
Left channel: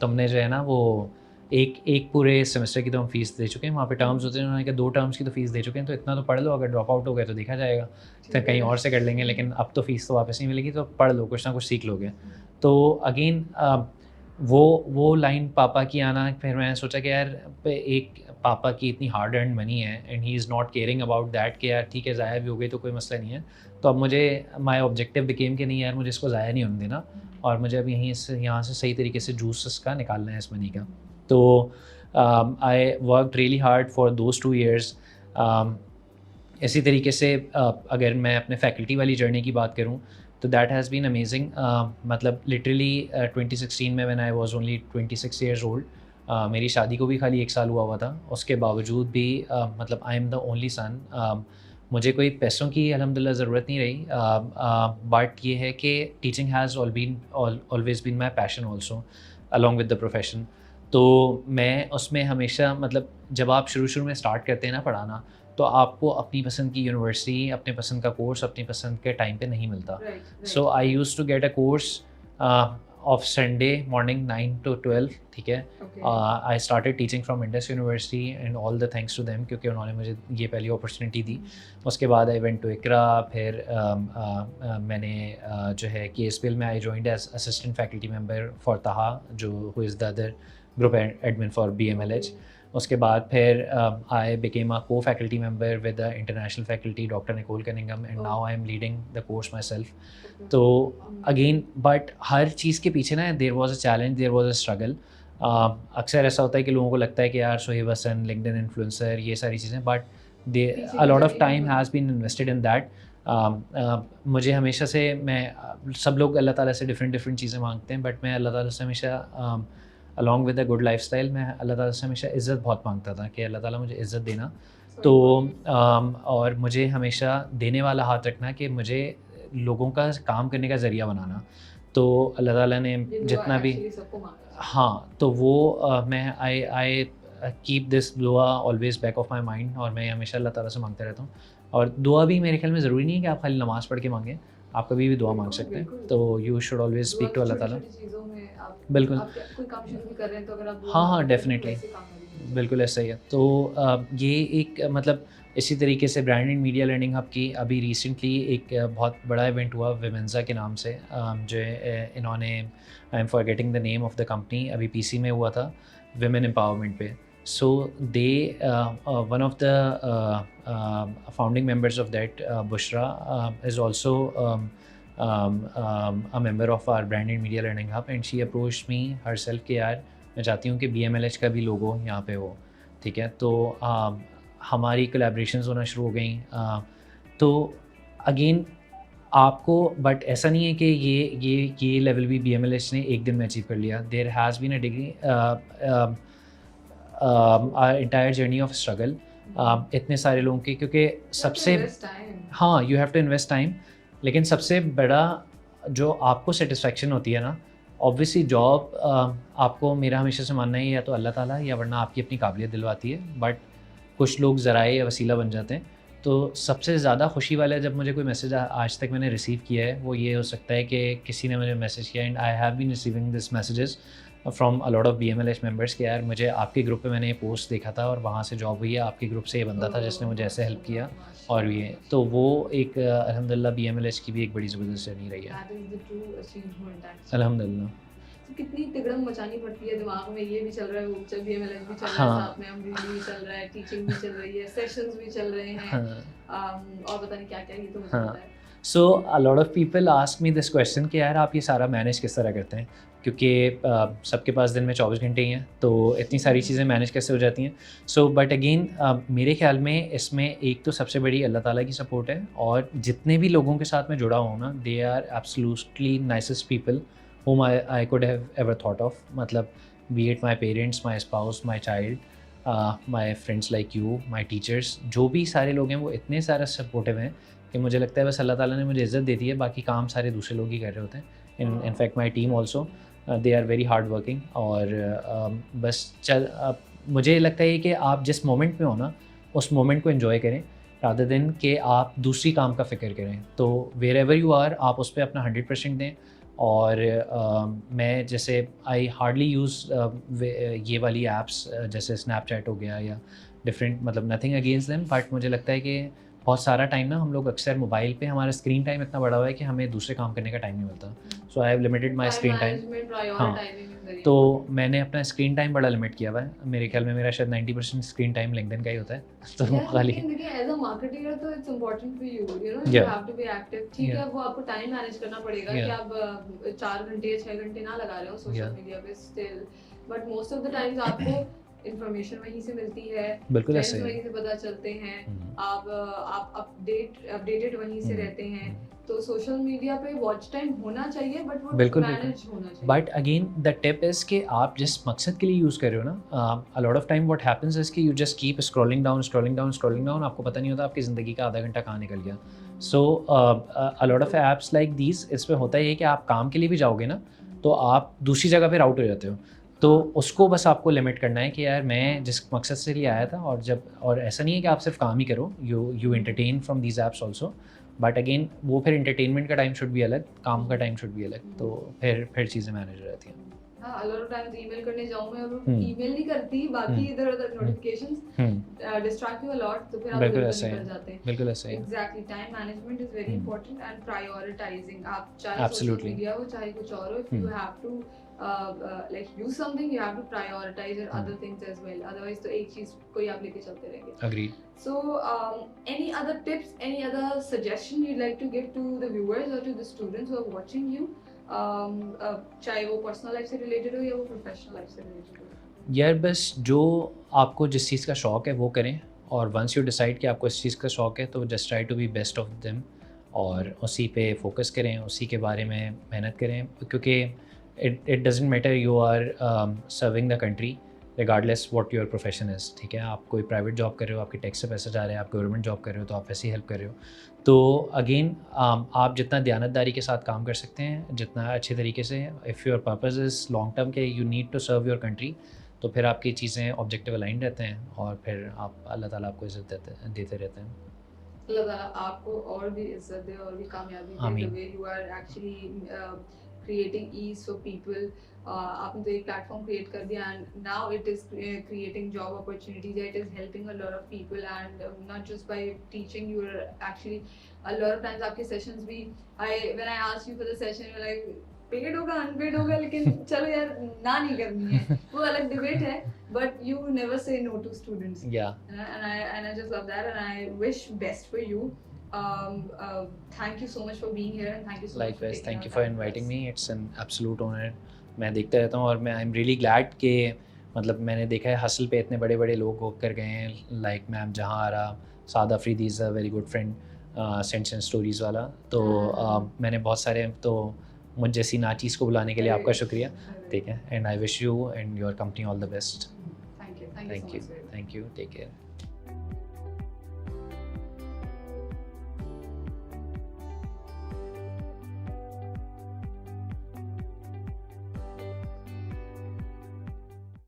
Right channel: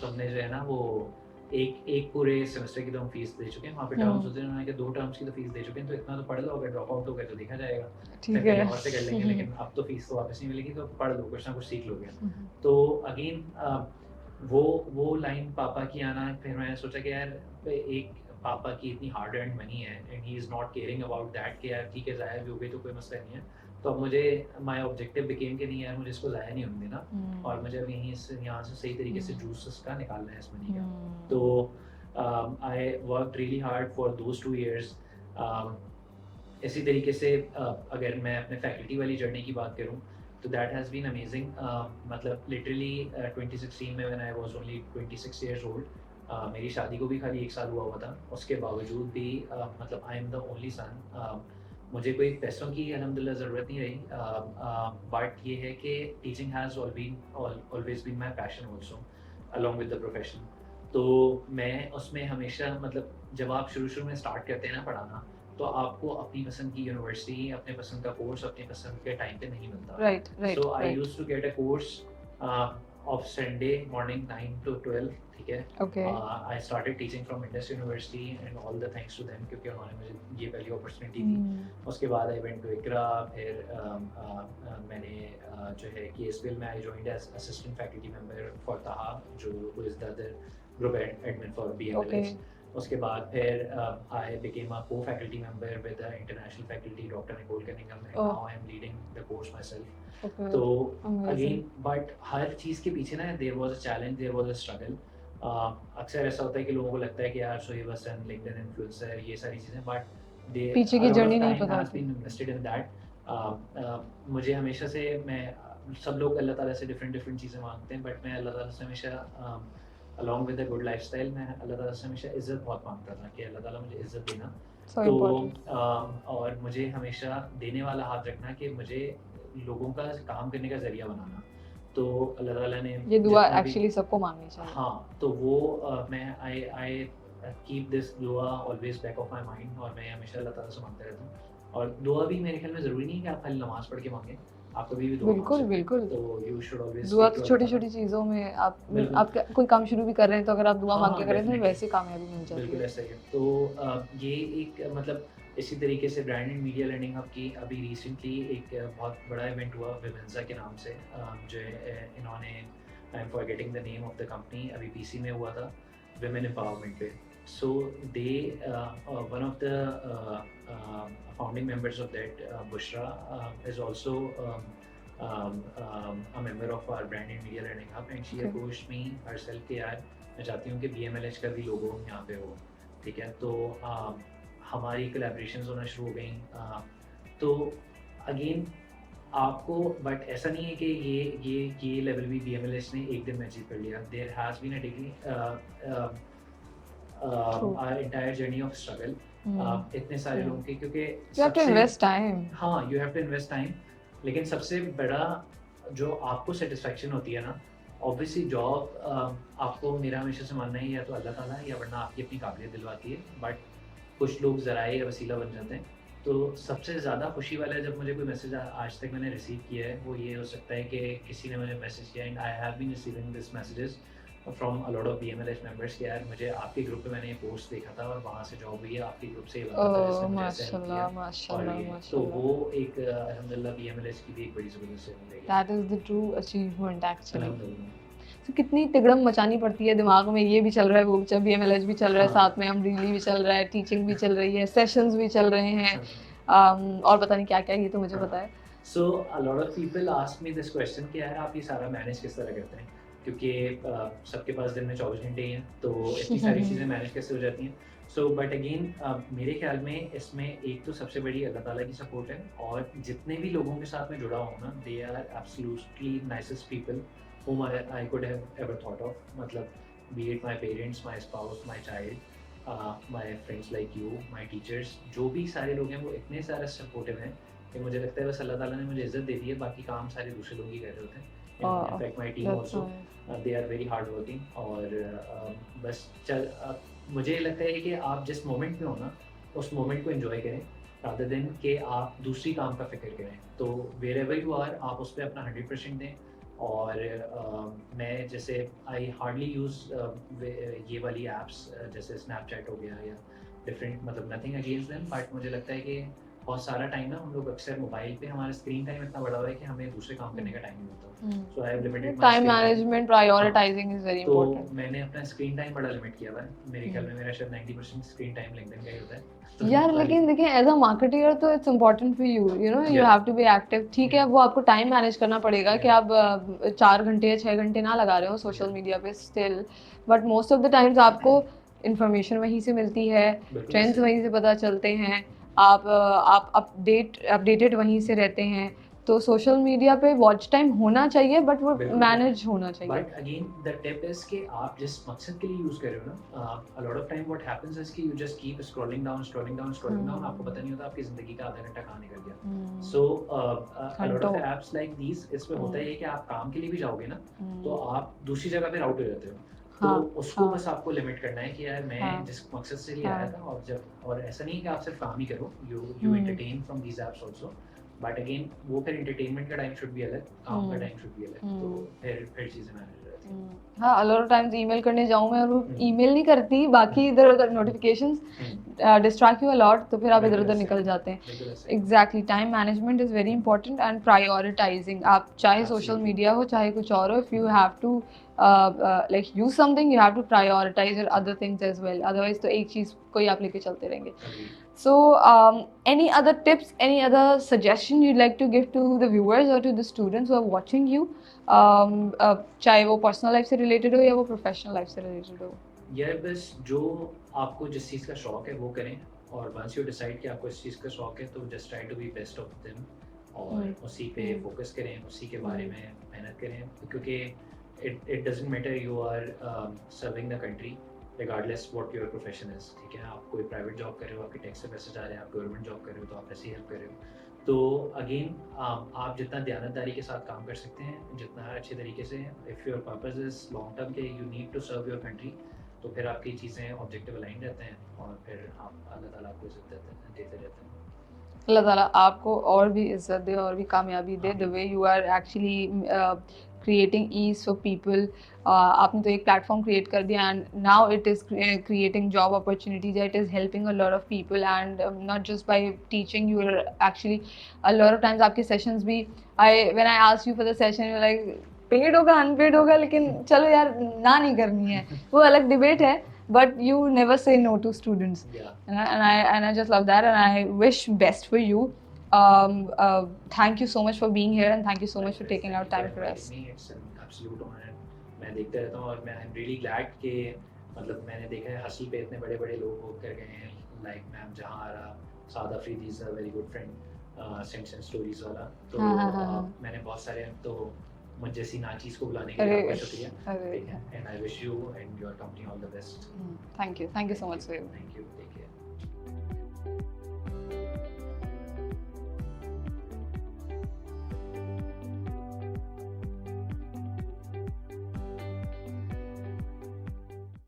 तुमने जो है ना वो एक पूरे सेमेस्टर की तो हम फीस दे चुके हैं, वहाँ पे टर्म्स होते हैं, उन्होंने कहा 2 टर्म्स की तो फीस दे चुके हैं, तो इतना तो पढ़ लो, अगर ड्रॉप आउट हो गए तो देखा जाएगा, फिर कहीं और से कर लेंगे, लेकिन अब तो फीस तो वापस नहीं मिलेगी, तो पढ़ लो, कुछ ना कुछ सीख लोगे। तो अगेन वो लाइन पापा की आना, फिर मैंने सोचा कि यार एक पापा की इतनी हार्ड अर्न मनी है and he is not caring about that कि यार ठीक है ज़ाया भी हो गई तो कोई मसला नहीं है। तो अब मुझे माय ऑब्जेक्टिव बिकेम कि नहीं यार मुझे इसको ज़ाया नहीं होने देना, और मुझे अब यहाँ से सही तरीके से जूस इसका निकालना है इस मनी का। तो I worked really hard for those 2 years। इसी तरीके से अगर मैं अपने फैकल्टी वाली जर्नी की बात करूँ तो दैट हैज़ बीन अमेजिंग। मतलब लिटरली 2016 में when I was only 26 years old, मेरी शादी को भी खाली 1 साल हुआ था, उसके बावजूद भी मतलब I am the only son. मुझे कोई पैसों की अल्हम्दुलिल्लाह ज़रूरत नहीं रही, बट ये है कि teaching has always been my passion also along with the profession. तो मैं उसमें हमेशा, मतलब जब आप शुरू में स्टार्ट करते हैं ना पढ़ाना, तो आपको अपनी पसंद की यूनिवर्सिटी, अपने पसंद का कोर्स अपनी पसंद के टाइम पे नहीं मिलता। So I use to get a course of Sunday morning 9 to 12, ठीक है। I started teaching from Indus university and all the thanks to them, क्योंकि उन्होंने मुझे ये पहली अपॉर्चुनिटी दी। उसके बाद आई वेंट टू इकरा, फिर मैंने जो है KSPL में I joined as assistant faculty member for Taha, जो who is the other group admin for BMLH। उसके बाद फिर I became a co faculty member with the international faculty doctor Nicole Cunningham, and now I am leading the course myself. तो अगेन बट हर चीज़ के पीछे ना there was a challenge, there was a struggle. अक्सर ऐसा होता है कि लोगों को लगता है कि यार सोहेब हसन, लिंक्डइन इन्फ्लुएंसर, ये सारी चीज़ें, but a lot of time has been invested in that। मुझे हमेशा से, मैं सब लोग अल्लाह ताला से डिफरेंट चीज़ें मांगते हैं, बट मैं अल्लाह ताला से हमेशा along with a good life style, मैं अल्लाह ताला से हमेशा इज़्ज़त बहुत मांगता था कि अल्लाह ताला मुझे इज़्ज़त देना। तो और मुझे हमेशा देने वाला हाथ रखना, कि मुझे लोगों का काम करने का ज़रिया बनाना। तो अल्लाह ताला ने जितना भी सबको मांगनी चाहिए। हाँ, तो वो मैं आई कीप दिस दुआ always back of my mind, और मैं हमेशा अल्लाह ताला से मांगता रहता हूँ। और दुआ भी मेरे ख्याल में ज़रूरी नहीं है कि आप खाली नमाज़ पढ़ के मांगें, आप कभी भी दुआ मांग सकते हैं। तो you should always speak to अल्लाह ताला। छोटी-छोटी चीज़ों में आप बिल्कुल, आप कोई काम शुरू भी कर रहे हैं तो अगर आप दुआ मांगते हैं तो वैसे कामयाबी मिल जाएगी। बिल्कुल ऐसा ही है। तो ये एक मतलब इसी तरीके से brand and media learning hub की अभी रिसेंटली एक बहुत बड़ा इवेंट हुआ विमेंजा के नाम से, जो इन्होंने, I am forgetting the name of the company, अभी PC में हुआ था विमेन एम्पावरमेंट पे। So they one of the founding members of that, Bushra, is also a member of our brand and media learning hub, and she approached me herself कि यार मैं चाहती हूँ कि BMLH का भी लोगो यहाँ पे हो, ठीक है। तो हमारी कोलैबोरेशंस होना शुरू हो गई। तो अगेन आपको, बट ऐसा नहीं है कि ये लेवल भी BMLH ने एक दिन में अचीव कर लिया। There has been a degree entire journey of struggle। इतने सारे लोगों के, क्योंकि सबसे इन्वेस्ट टाइम, हाँ you have to invest time, लेकिन सबसे बड़ा जो आपको सेटिस्फेक्शन होती है ना, ऑब्वियसली जॉब आपको, मेरा हमेशा से मानना ही या तो अल्लाह ताला या वरना आपकी अपनी काबिलियत दिलवाती है, बट कुछ लोग ज़राए या वसीला बन जाते हैं। तो सबसे ज़्यादा खुशी वाला जब मुझे कोई मैसेज आज तक मैंने रिसीव किया है वो ये हो सकता है कि किसी ने मुझे मैसेज किया, and I have been receiving this messages from a lot of BMLH members के यार मुझे आपके ग्रुप पे मैंने ये पोस्ट देखा था और वहाँ से जॉब हुई है, आपके ग्रुप से ये बंदा था जिसने मुझे ऐसे हेल्प किया, और ये तो वो एक अल्हम्दुलिल्लाह BMLH की भी एक बड़ी ज़बरदस्त जर्नी रही है। That is the true achievement actually. अल्हम्दुलिल्लाह। तो कितनी तिगड़म मचानी पड़ती है दिमाग में, ये भी चल रहा है, वो भी BMLH भी चल रहा है, हाँ। साथ में हम भी चल रहा है, टीचिंग भी चल रही है, सेशंस भी चल रहे हैं, हाँ। और पता नहीं क्या क्या, ये तो मुझे हाँ। पता है। So a lot of people ask me this question कि यार आप ये सारा मैनेज किस तरह करते हैं, क्योंकि सबके पास दिन में 24 घंटे ही हैं, तो इतनी सारी चीज़ें मैनेज कैसे हो जाती हैं। सो बट अगेन मेरे ख्याल में इसमें एक तो सबसे बड़ी अल्लाह ताला की सपोर्ट है, और जितने भी लोगों के साथ मैं जुड़ा हूँ ना, they are absolutely nicest people whom I could have ever thought of, मतलब be it my parents, my spouse, my child, my friends like you, my teachers, जो भी सारे लोग हैं वो इतने सारे सपोर्टिव हैं कि मुझे लगता है बस अल्लाह ताला ने मुझे इज़्ज़त दे दी है, बाकी काम सारे दूसरे लोग ही कर रहे होते हैं। In fact my team also they are very hard working, और बस मुझे लगता है कि आप जिस मोमेंट में हो ना उस मोमेंट को एंजॉय करें रादर देन कि आप दूसरी काम का फ़िक्र करें। तो वेर एवर यू आर आप उस पर अपना 100% दें। और मैं जैसे आई हार्डली यूज़ ये वाली ऐप्स जैसे स्नैपचैट हो गया या डिफरेंट, मतलब नथिंग अगेंस्ट देम, बट मुझे लगता है कि बहुत सारा टाइम ना हम लोग अक्सर मोबाइल पे, हमारा स्क्रीन टाइम इतना बड़ा हुआ है कि हमें दूसरे काम करने का टाइम नहीं मिलता। So I have limited my time screen time. Management, prioritising is very तो इंपॉर्टेंट। मैंने अपना स्क्रीन टाइम बड़ा लिमिट किया हुआ है, मेरे ख्याल में मेरा शायद 90% स्क्रीन टाइम लिंक्डइन का ही होता है। तो यार लेकिन देखिए एज अ मार्केटर तो it's important for you, you know you have to be active. ठीक है, वो आपको टाइम मैनेज करना पड़ेगा कि आप 4 घंटे या 6 घंटे ना लगा रहे हो सोशल मीडिया पे still, but most of the times आपको इन्फॉर्मेशन वहीं से मिलती है, ट्रेंड्स वहीं से पता चलते हैं, आप अपडेटेड वहीं से रहते हैं। तो सोशल मीडिया पे वॉच टाइम होना चाहिए, बट वो मैनेज होना चाहिए। But again the tip is कि आप जिस मकसद के लिए यूज़ कर रहे हो ना, a lot of time what happens is कि you just keep scrolling down, आपको पता नहीं होता आपकी ज़िंदगी का आधा घंटा कहाँ निकल गया। So a lot of apps like these, इस पे होता है कि आप काम के लिए भी जाओगे ना तो आप दूसरी जगह पे राउट हो जाते हो। तो उसको बस आपको लिमिट करना है कि यार मैं जिस मकसद से लिए आया था, और ऐसा नहीं है कि आप सिर्फ काम ही करो, you entertain from these apps also, but again वो फिर एंटरटेनमेंट का टाइम शुड भी अलग, काम का टाइम शुड भी अलग, तो फिर चीज़ें मैनेज रहती हैं। हाँ, a lot of times email करने जाऊँ मैं और ईमेल नहीं करती, बाकी इधर उधर notifications distract you a lot, तो फिर आप इधर उधर निकल जाते हैं। बिल्कुल ऐसा ही। Exactly, time management is very important and prioritising. आप चाहे सोशल मीडिया हो चाहे कुछ और हो, if you have to like use something, you have to prioritize your other things as well, otherwise तो एक चीज को ही आप लेके चलते रहेंगे। Agreed. So any other tips, any other suggestion you'd like to give to the viewers or to the students who are watching you, चाहे वो पर्सनल लाइफ से रिलेटेड हो या वो प्रोफेशनल लाइफ से रिलेटेड हो? यार बस जो आपको जिस चीज़ का शौक है वो करें, और वंस यू डिसाइड कि आपको इस चीज़ का शौक है तो just try to be best of them, और उसी पे फोकस करें, उसी के बारे में मेहनत करें, क्योंकि it doesn't matter you are serving the country regardless what your profession is। ठीक है, आप कोई प्राइवेट जॉब कर रहे हो, आपके टैक्स से पैसा जा रहा है, आप गवर्नमेंट जॉब कर रहे हो तो आप ऐसे ही हेल्प कर रहे हो। तो अगेन आप जितना दयानतदारी के साथ काम कर सकते हैं, जितना अच्छे तरीके से, if your purpose is long term के you need to serve your country, तो फिर आपकी चीज़ें ऑब्जेक्टिव अलाइन रहते हैं, और फिर आप अल्लाह ताला आपको इज़्ज़त देते रहते हैं। अल्लाह ताला आपको और भी इज्जत दे और भी कामयाबी दे, the way you are actually creating ease for people। आपने तो एक प्लेटफॉर्म क्रिएट कर दिया, and now it is creating job opportunities, it is helping a lot of people, and not just by teaching, you are actually a lot of times आपके sessions भी, when I asked you for the session you're like paid होगा अनपेड होगा, लेकिन चलो यार ना नहीं करनी है, वो अलग डिबेट है, but you never say no to students। and I just love that, and I wish best for you। Thank you so much for being here, and thank you so much for taking out time for us। Thank you for inviting me, it's an absolute honor। मैं देखता रहता हूँ, और मैं आई एम रियली ग्लैड कि मतलब मैंने देखा है हसल पे इतने बड़े बड़े लोग होकर गए हैं, like ma'am Jahan Ara, Saad Afridi is a very good friend, scents and stories वाला, तो मैंने बहुत सारे, तो मुझ जैसी नाचीज़ को बुलाने के लिए आपका शुक्रिया, ठीक है, and I wish you and your company all the best. Thank you so much. Thank you, take care.